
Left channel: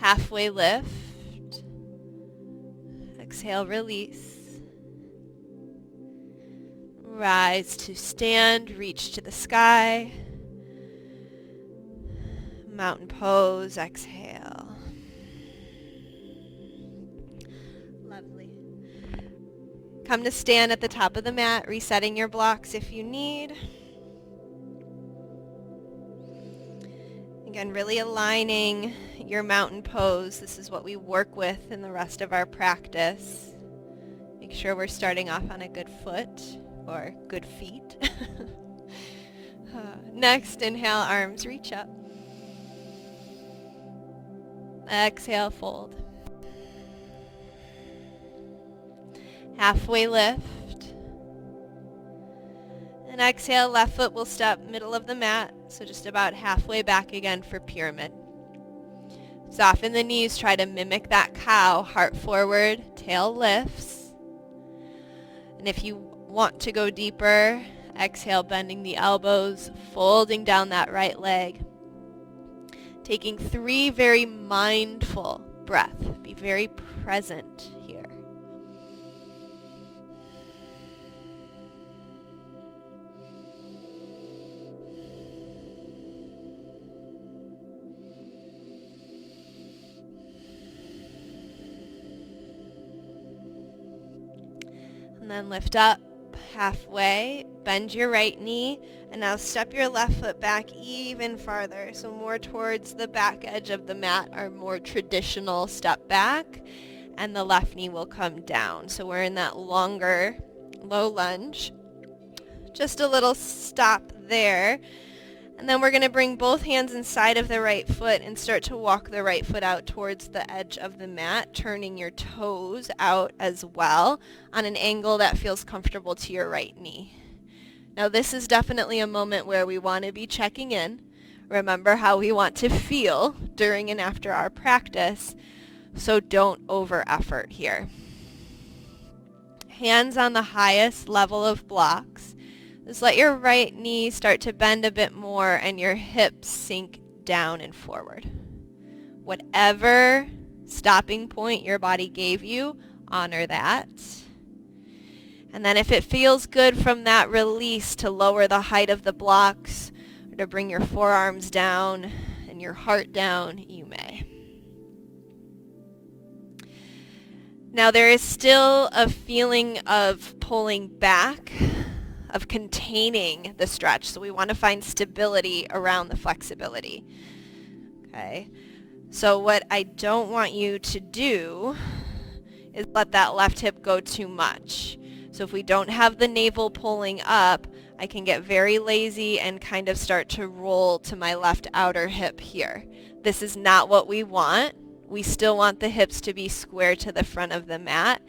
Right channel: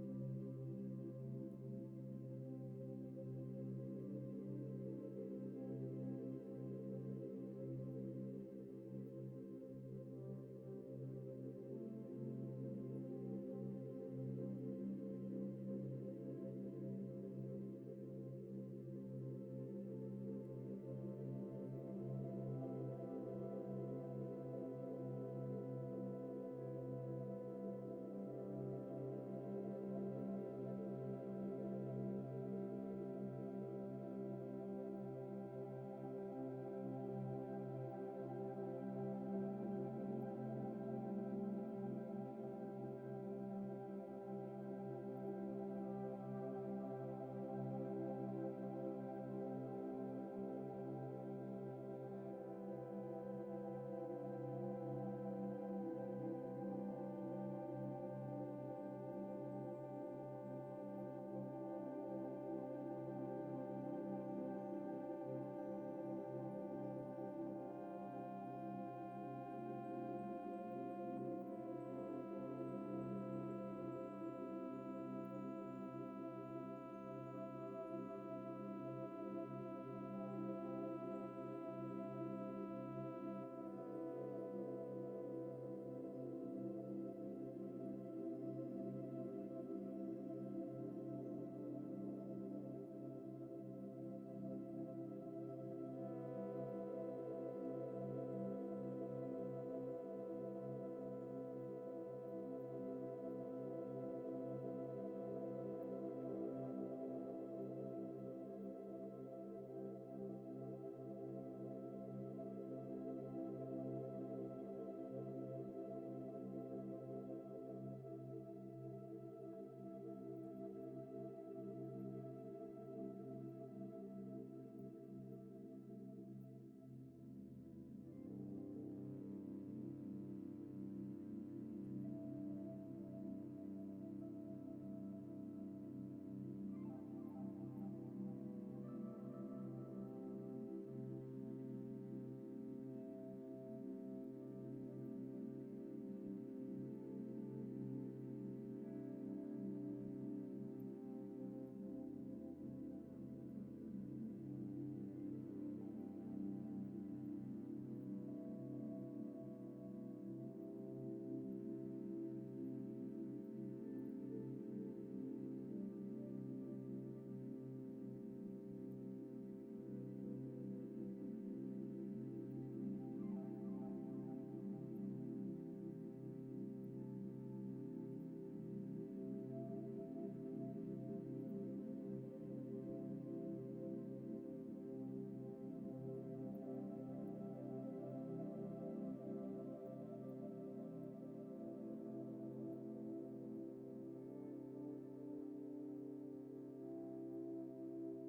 Halfway lift. Exhale, release. Rise to stand, reach to the sky. Mountain pose, exhale. Lovely. Come to stand at the top of the mat, resetting your blocks if you need. Again, really aligning your mountain pose. This is what we work with in the rest of our practice. Make sure we're starting off on a good foot. or good feet. Next, inhale, arms reach up. Exhale, fold. Halfway lift. And exhale, left foot will step middle of the mat, so just about halfway back again for pyramid. Soften the knees, try to mimic that cow, heart forward, tail lifts. And if you want to go deeper, exhale, bending the elbows, folding down that right leg. Taking 3 very mindful breaths. Be very present here. And then lift up halfway, bend your right knee, and now step your left foot back even farther, so more towards the back edge of the mat, our more traditional step back, and the left knee will come down. So we're in that longer low lunge. Just a little stop there. And then we're going to bring both hands inside of the right foot and start to walk the right foot out towards the edge of the mat, turning your toes out as well on an angle that feels comfortable to your right knee. Now this is definitely a moment where we want to be checking in. Remember how we want to feel during and after our practice, so don't over effort here. Hands on the highest level of blocks. Just let your right knee start to bend a bit more and your hips sink down and forward. Whatever stopping point your body gave you, honor that. And then if it feels good from that release to lower the height of the blocks, or to bring your forearms down and your heart down, you may. Now there is still a feeling of pulling back, of containing the stretch. So we want to find stability around the flexibility. Okay. So what I don't want you to do is let that left hip go too much. So if we don't have the navel pulling up, I can get very lazy and kind of start to roll to my left outer hip here. This is not what we want. We still want the hips to be square to the front of the mat.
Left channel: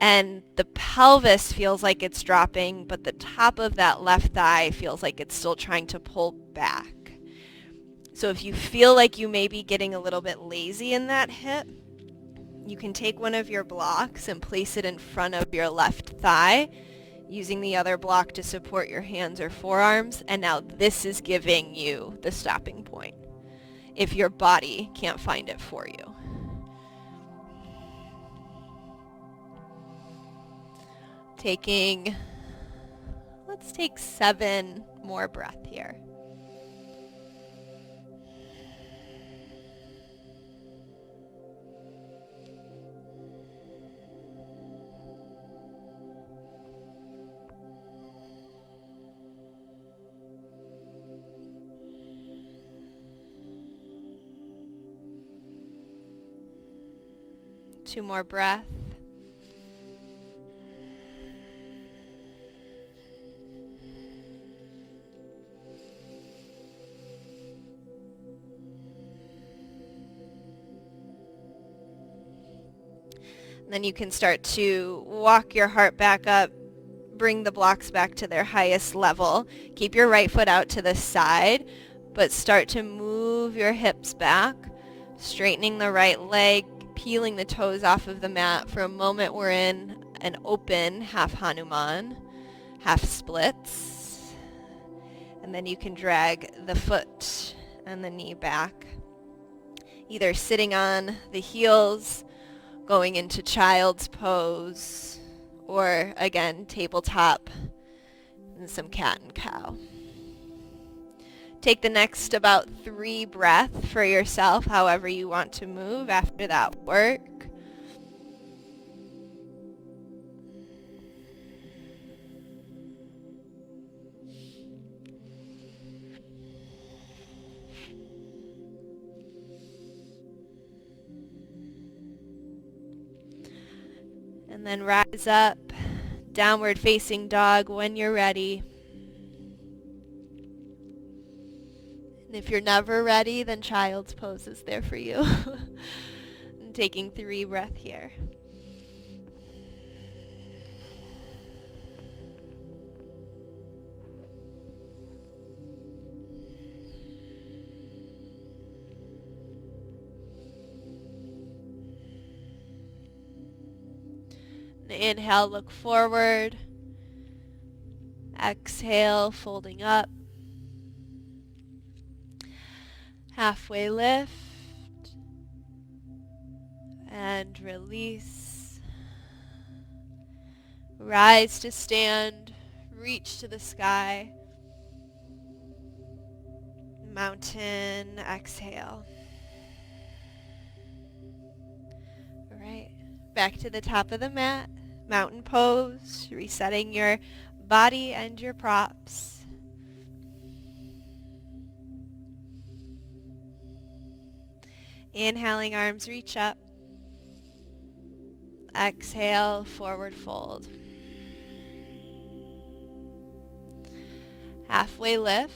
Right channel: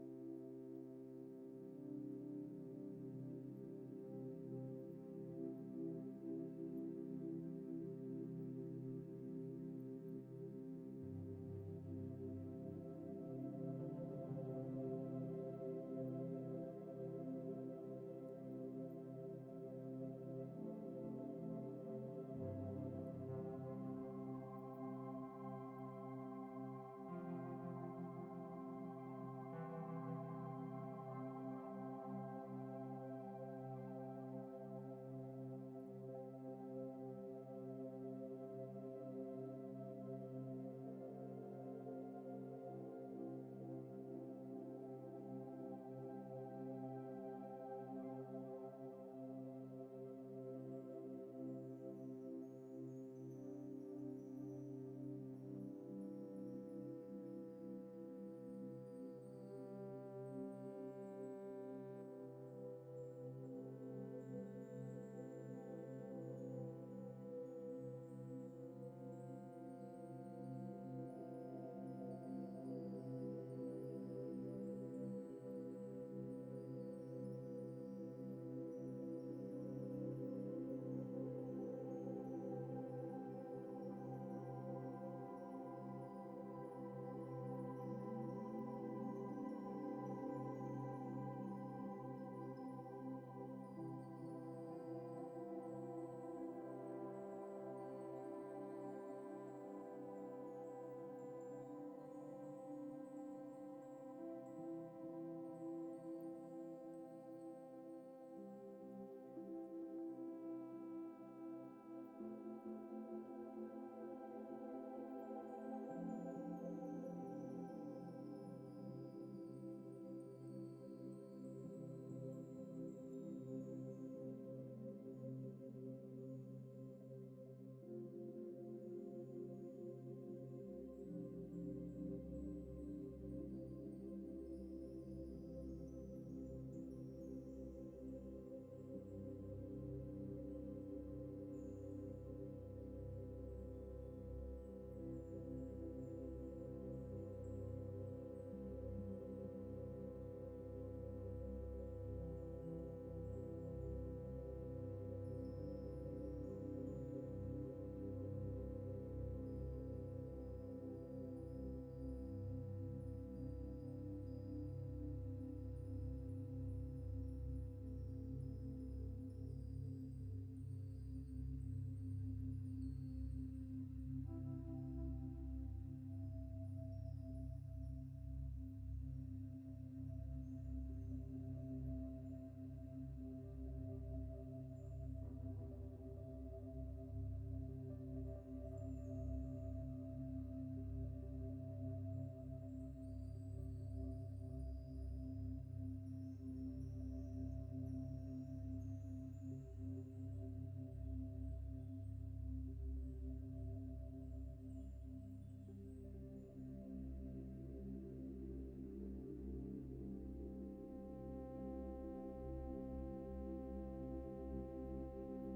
And the pelvis feels like it's dropping, but the top of that left thigh feels like it's still trying to pull back. So if you feel like you may be getting a little bit lazy in that hip, you can take one of your blocks and place it in front of your left thigh, using the other block to support your hands or forearms. And now this is giving you the stopping point if your body can't find it for you. Let's take 7 more breaths here. Two more breaths. Then you can start to walk your heart back up, bring the blocks back to their highest level. Keep your right foot out to the side, but start to move your hips back, straightening the right leg, peeling the toes off of the mat. For a moment, we're in an open half Hanuman, half splits. And then you can drag the foot and the knee back, either sitting on the heels, going into child's pose, or again, tabletop and some cat and cow. Take the next about 3 breaths for yourself, however you want to move after that work. And then rise up Downward facing dog when you're ready. And if you're never ready, then child's pose is there for you. And taking 3 breaths here. Inhale, look forward. Exhale, folding up. Halfway lift. And release. Rise to stand. Reach to the sky. Mountain, exhale. All right, back to the top of the mat. Mountain pose, resetting your body and your props. Inhaling, arms reach up. Exhale, forward fold. Halfway lift.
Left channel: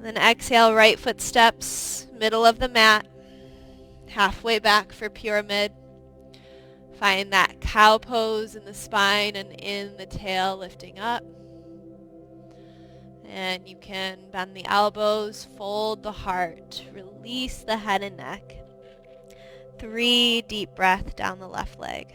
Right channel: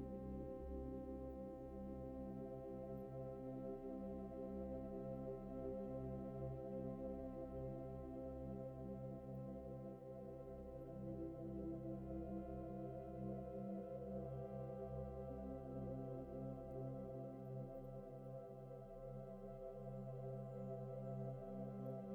Then exhale, right foot steps, middle of the mat. Halfway back for pyramid. Find that cow pose in the spine and in the tail, lifting up. And you can bend the elbows, fold the heart, release the head and neck. 3 deep breaths down the left leg.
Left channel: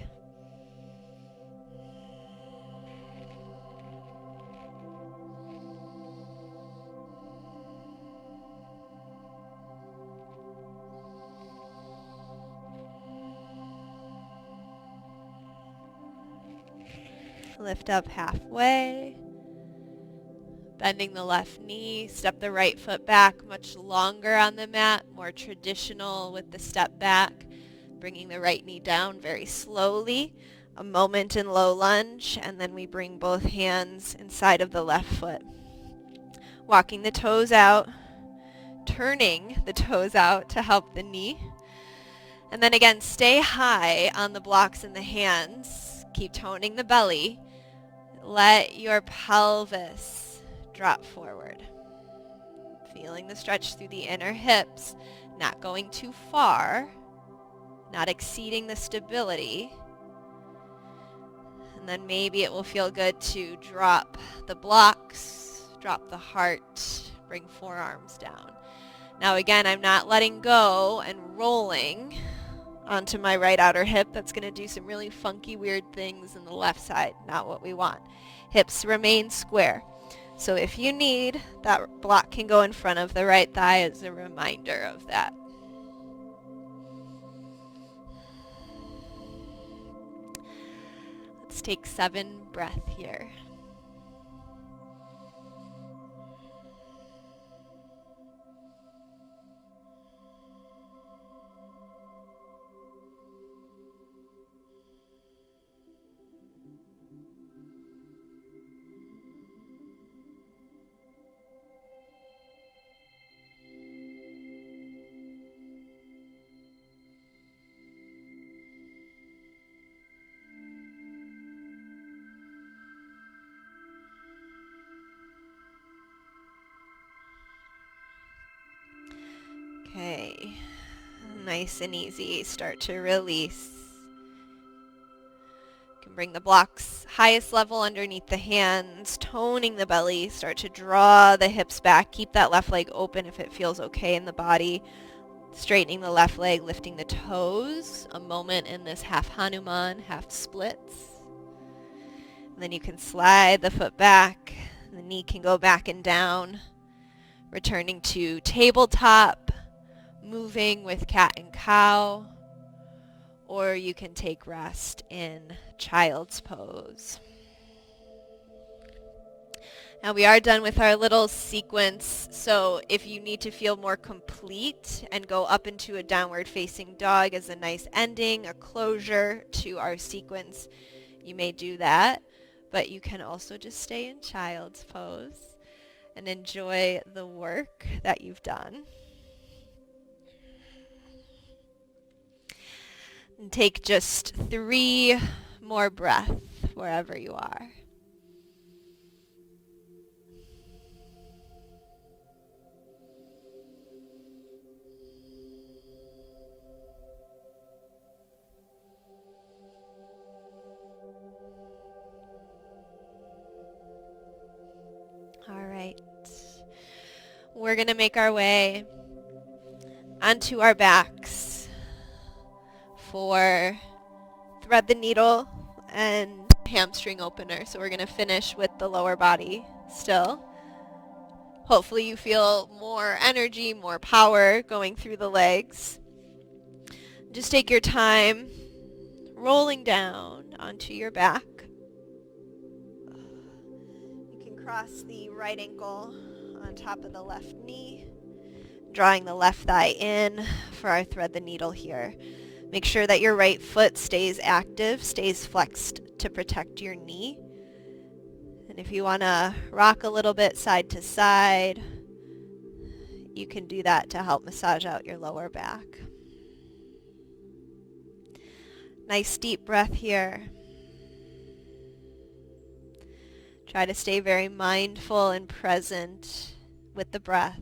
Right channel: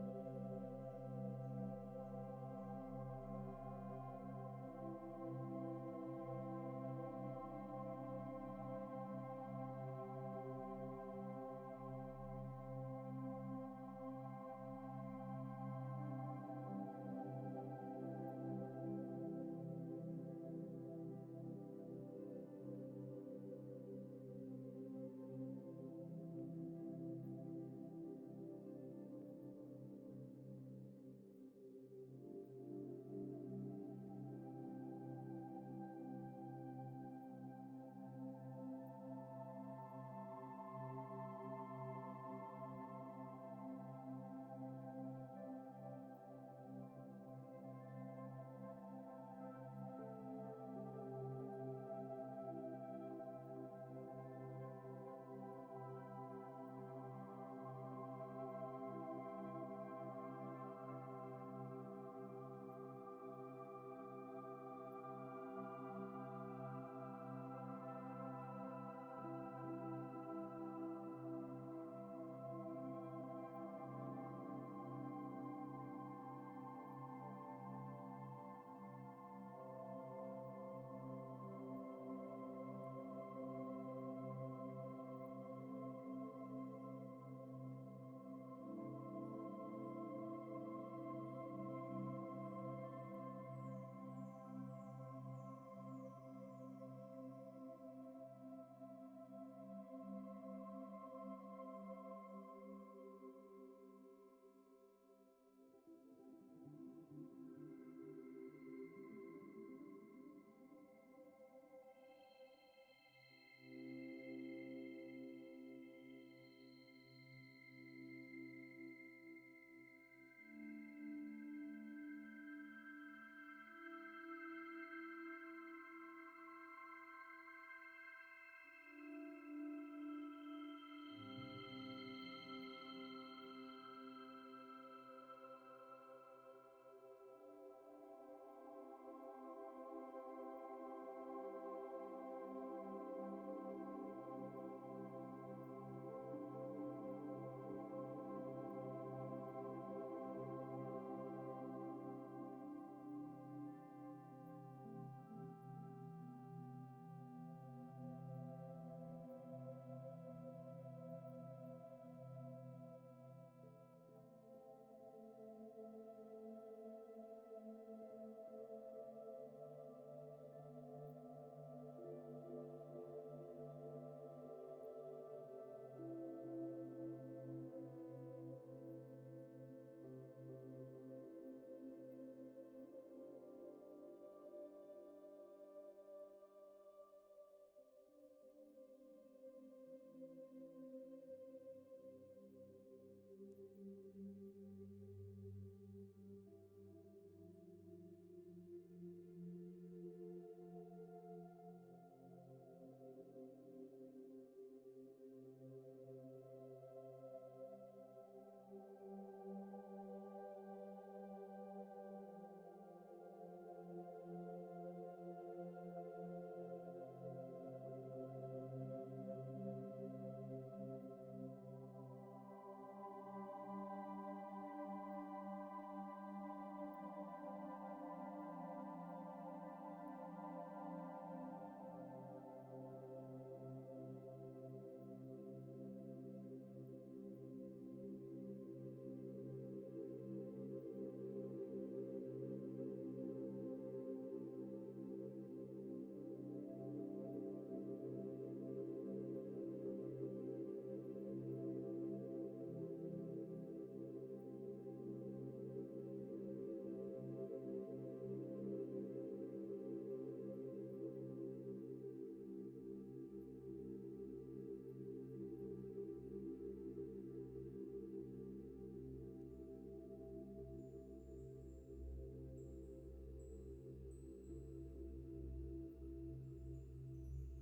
Lift up halfway. Bending the left knee, step the right foot back, much longer on the mat, more traditional with the step back. Bringing the right knee down very slowly, a moment in low lunge, and then we bring both hands inside of the left foot. Walking the toes out, turning the toes out to help the knee. And then again, stay high on the blocks in the hands. Keep toning the belly. Let your pelvis drop forward. Feeling the stretch through the inner hips, not going too far, not exceeding the stability. And then maybe it will feel good to drop the blocks, drop the heart, bring forearms down. Now again, I'm not letting go and rolling onto my right outer hip. That's going to do some really funky, weird things in the left side. Not what we want. Hips remain square. So if you need, that block can go in front of the right thigh as a reminder of that. Let's take 7 breaths here. Okay, nice and easy. Start to release. You can bring the blocks highest level underneath the hands, toning the belly. Start to draw the hips back. Keep that left leg open if it feels okay in the body. Straightening the left leg, lifting the toes. A moment in this half Hanuman, half splits. And then you can slide the foot back. The knee can go back and down. Returning to tabletop. Moving with cat and cow, or you can take rest in child's pose. Now we are done with our little sequence, so if you need to feel more complete and go up into a downward facing dog as a nice ending, a closure to our sequence, you may do that, but you can also just stay in child's pose and enjoy the work that you've done. And take just 3 more breath wherever you are. All right. We're going to make our way onto our backs for thread the needle and hamstring opener. So we're going to finish with the lower body still. Hopefully you feel more energy, more power going through the legs. Just take your time rolling down onto your back. You can cross the right ankle on top of the left knee, drawing the left thigh in for our thread the needle here. Make sure that your right foot stays active, stays flexed to protect your knee. And if you want to rock a little bit side to side, you can do that to help massage out your lower back. Nice deep breath here. Try to stay very mindful and present with the breath.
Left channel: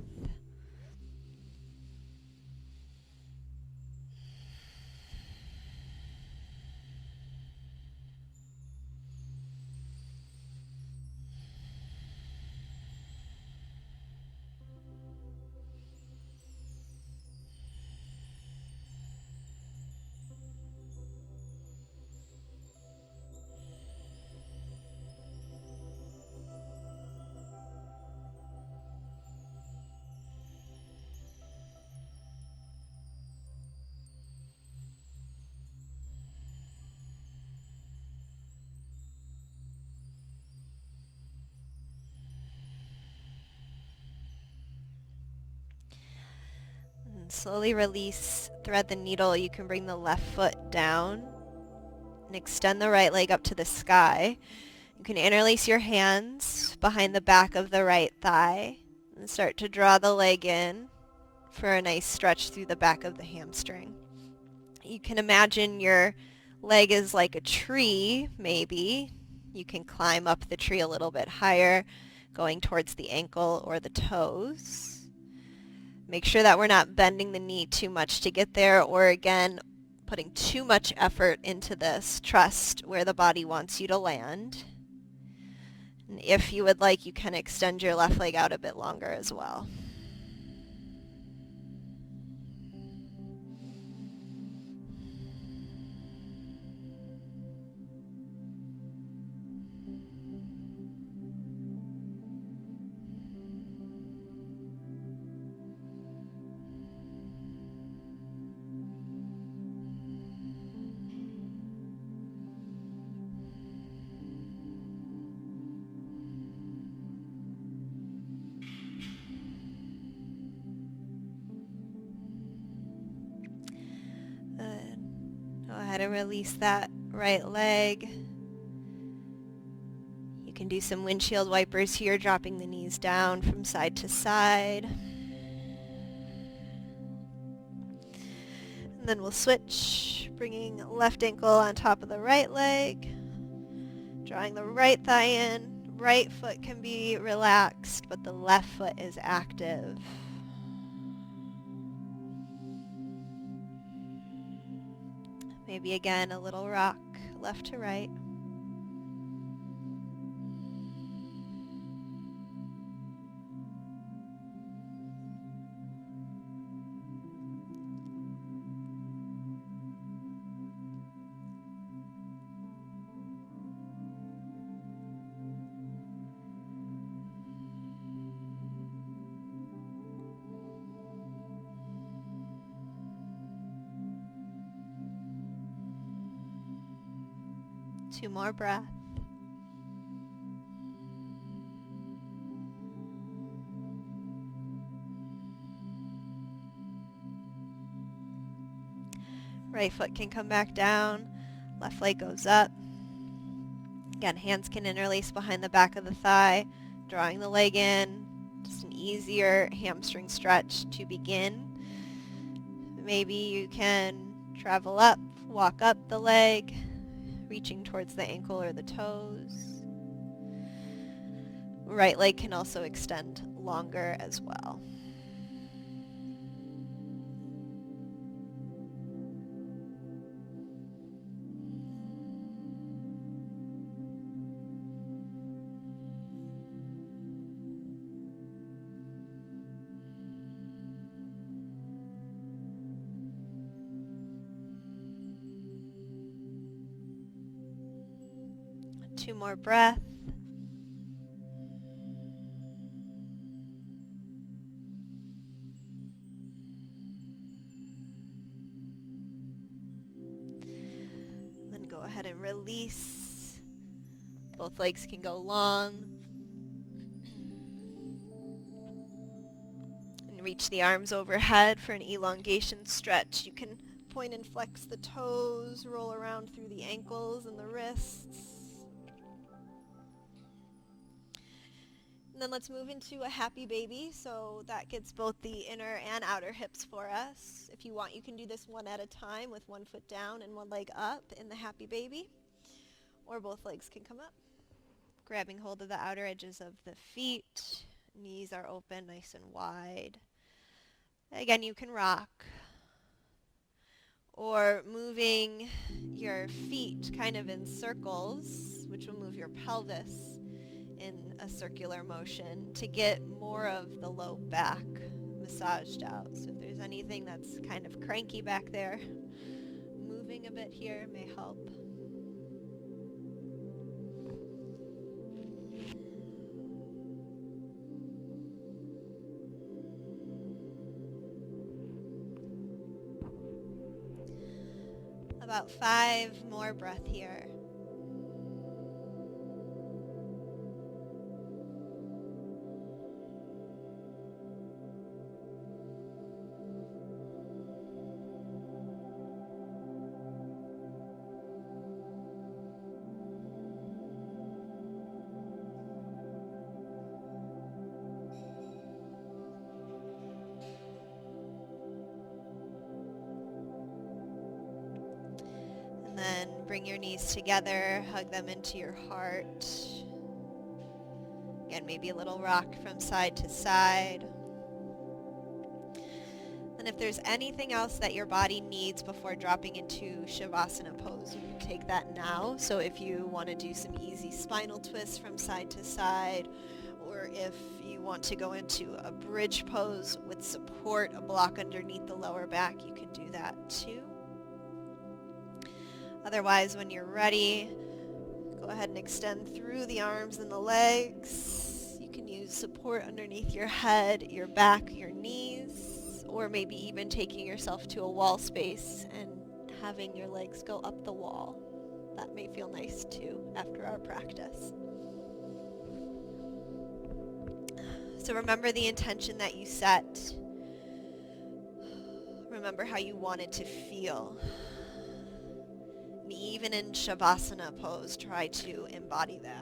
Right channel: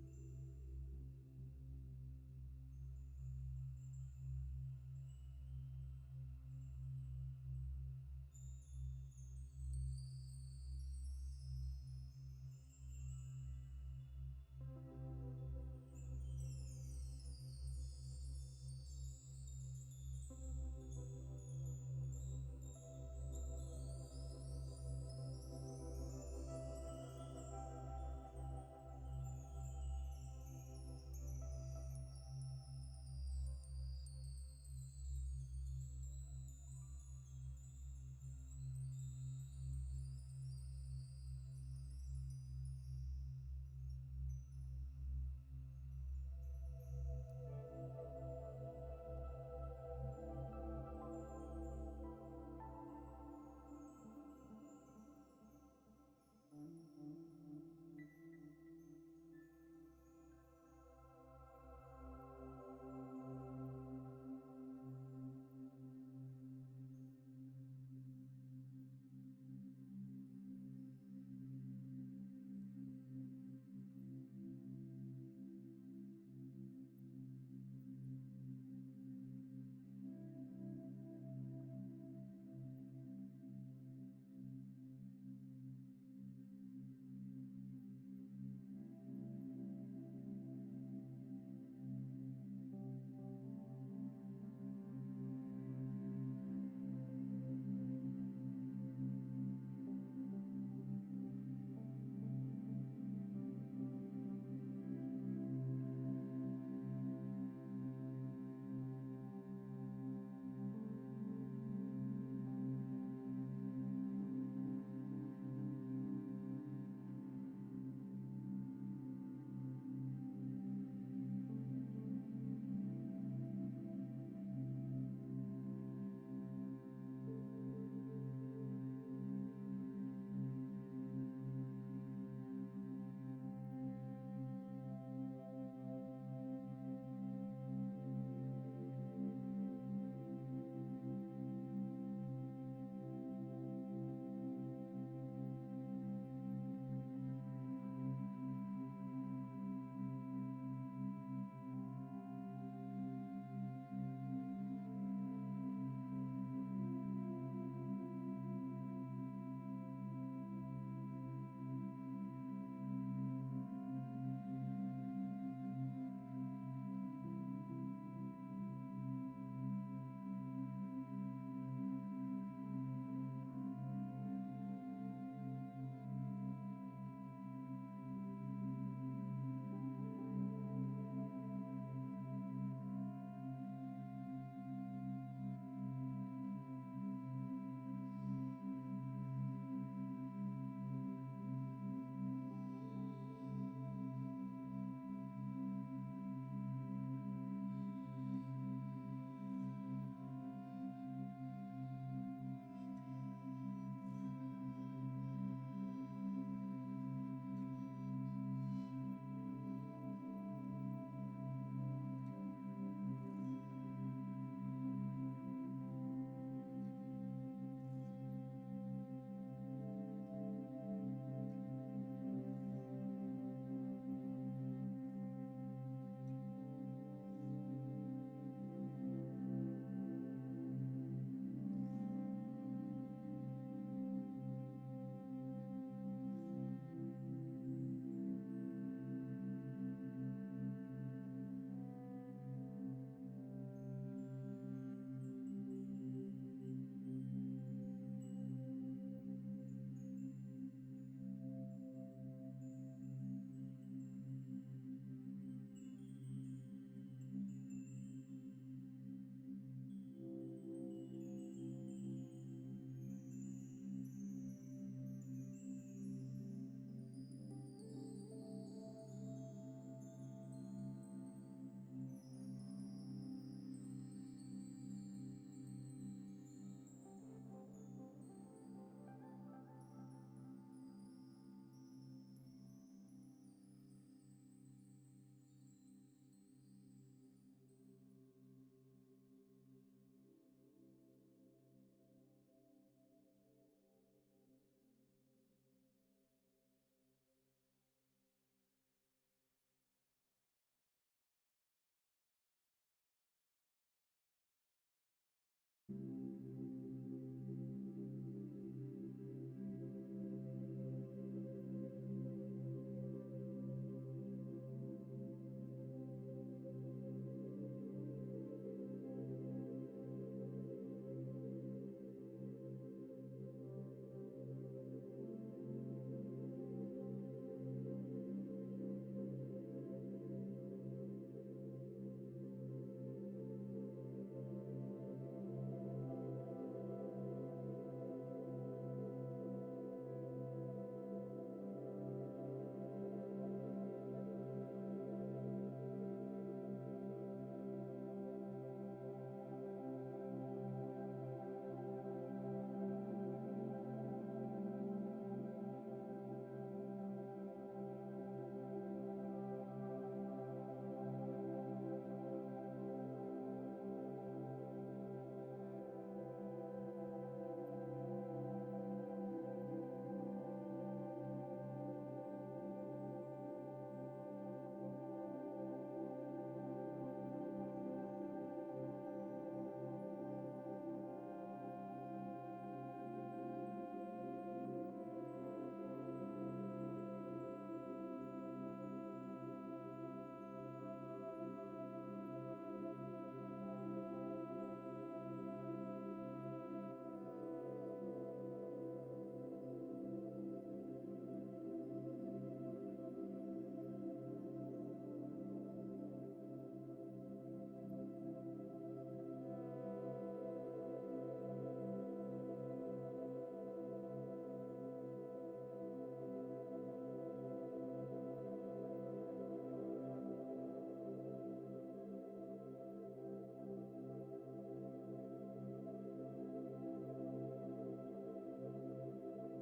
And slowly release, thread the needle. You can bring the left foot down and extend the right leg up to the sky. You can interlace your hands behind the back of the right thigh and start to draw the leg in for a nice stretch through the back of the hamstring. You can imagine your leg is like a tree, maybe. You can climb up the tree a little bit higher, going towards the ankle or the toes. Make sure that we're not bending the knee too much to get there, or again, putting too much effort into this. Trust where the body wants you to land. And if you would like, you can extend your left leg out a bit longer as well. Go ahead and release that right leg. You can do some windshield wipers here, dropping the knees down from side to side. And then we'll switch, bringing left ankle on top of the right leg, drawing the right thigh in. Right foot can be relaxed, but the left foot is active. Maybe again a little rock left to right. Two more breaths. Right foot can come back down, left leg goes up. Again, hands can interlace behind the back of the thigh, drawing the leg in. Just an easier hamstring stretch to begin. Maybe you can travel up, walk up the leg, reaching towards the ankle or the toes. Right leg can also extend longer as well. Two more breaths. Then go ahead and release. Both legs can go long. And reach the arms overhead for an elongation stretch. You can point and flex the toes, roll around through the ankles and the wrists. And then let's move into a happy baby. So that gets both the inner and outer hips for us. If you want, you can do this one at a time with one foot down and one leg up in the happy baby. Or both legs can come up. Grabbing hold of the outer edges of the feet. Knees are open, nice and wide. Again, you can rock. Or moving your feet kind of in circles, which will move your pelvis in a circular motion to get more of the low back massaged out. So if there's anything that's kind of cranky back there, moving a bit here may help. About 5 more breaths here. And then bring your knees together, hug them into your heart. Again, maybe a little rock from side to side. And if there's anything else that your body needs before dropping into Shavasana pose, you can take that now. So if you want to do some easy spinal twists from side to side, or if you want to go into a bridge pose with support, a block underneath the lower back, you can do that too. Otherwise, when you're ready, go ahead and extend through the arms and the legs. You can use support underneath your head, your back, your knees, or maybe even taking yourself to a wall space and having your legs go up the wall. That may feel nice too after our practice. So remember the intention that you set. Remember how you want it to feel. And even in Shavasana pose, try to embody that.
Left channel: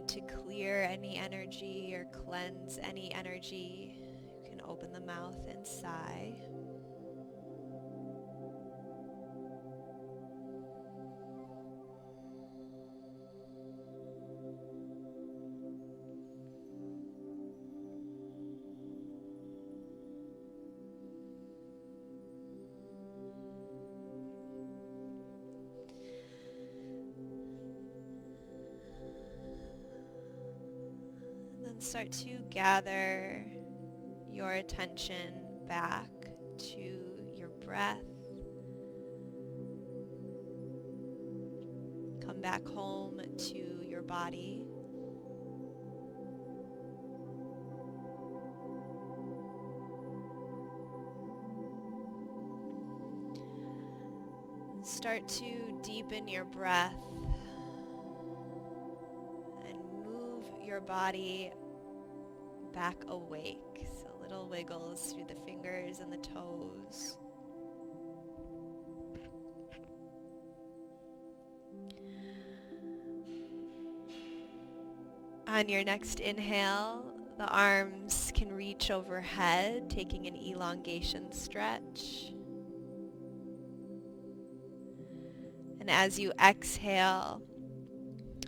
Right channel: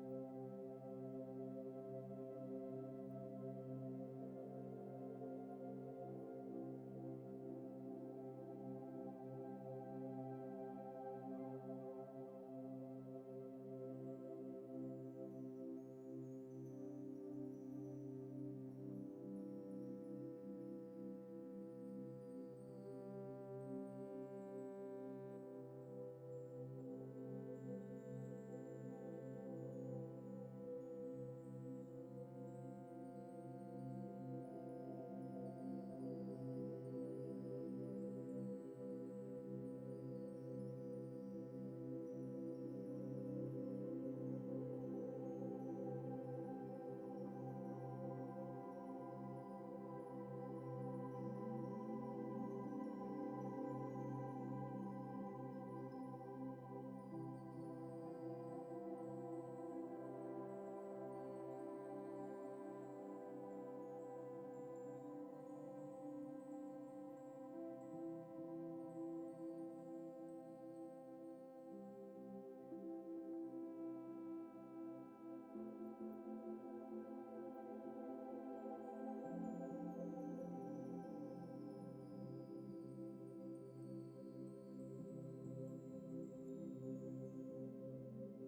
need to clear any energy or cleanse any energy, you can open the mouth and sigh. Then start to gather your attention back to your breath. Come back home to your body. Start to deepen your breath and move your body back awake. So little wiggles through the fingers and the toes. On your next inhale, the arms can reach overhead, taking an elongation stretch. And as you exhale,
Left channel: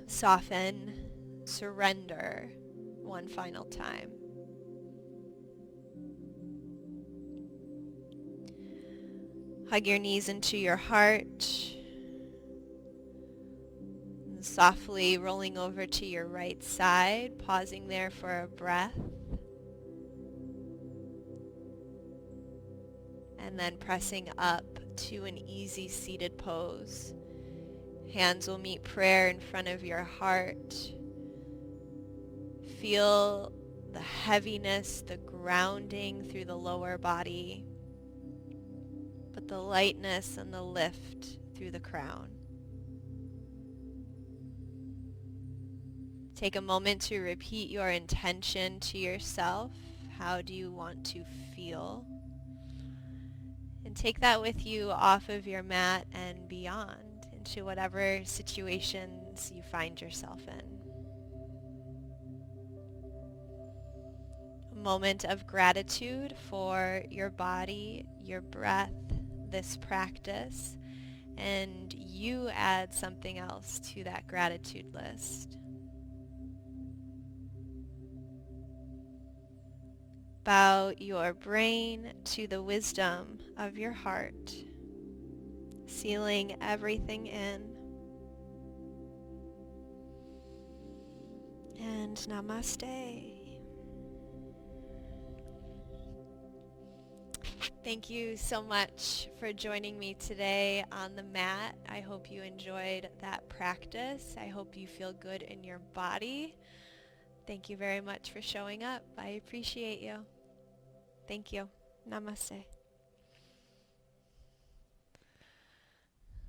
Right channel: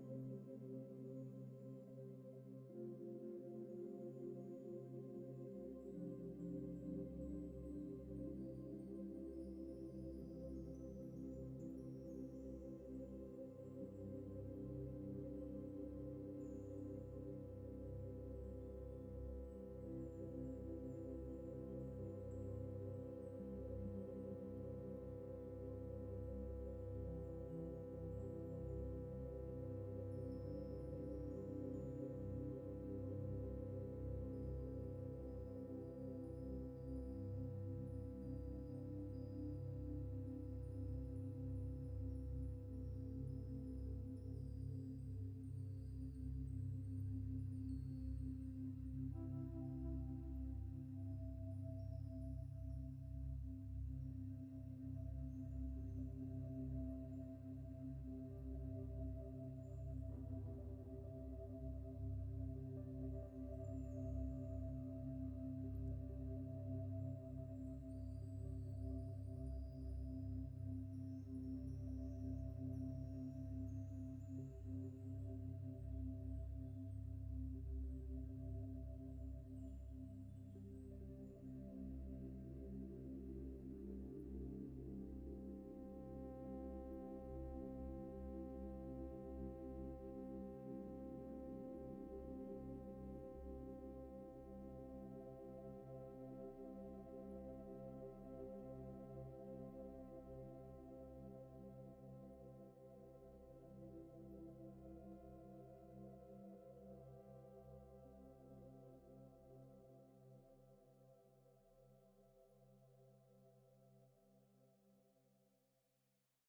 soften, surrender one final time. Hug your knees into your heart. And softly rolling over to your right side, pausing there for a breath. And then pressing up to an easy seated pose. Hands will meet prayer in front of your heart. Feel the heaviness, the grounding through the lower body, but the lightness and the lift through the crown. Take a moment to repeat your intention to yourself. How do you want to feel? And take that with you off of your mat and beyond into whatever situations you find yourself in. A moment of gratitude for your body, your breath, this practice, and you add something else to that gratitude list. Bow your brain to the wisdom of your heart, sealing everything in. And namaste. Thank you so much for joining me today on the mat. I hope you enjoyed that practice. I hope you feel good in your body. Thank you very much for showing up. I appreciate you. Thank you. Namaste.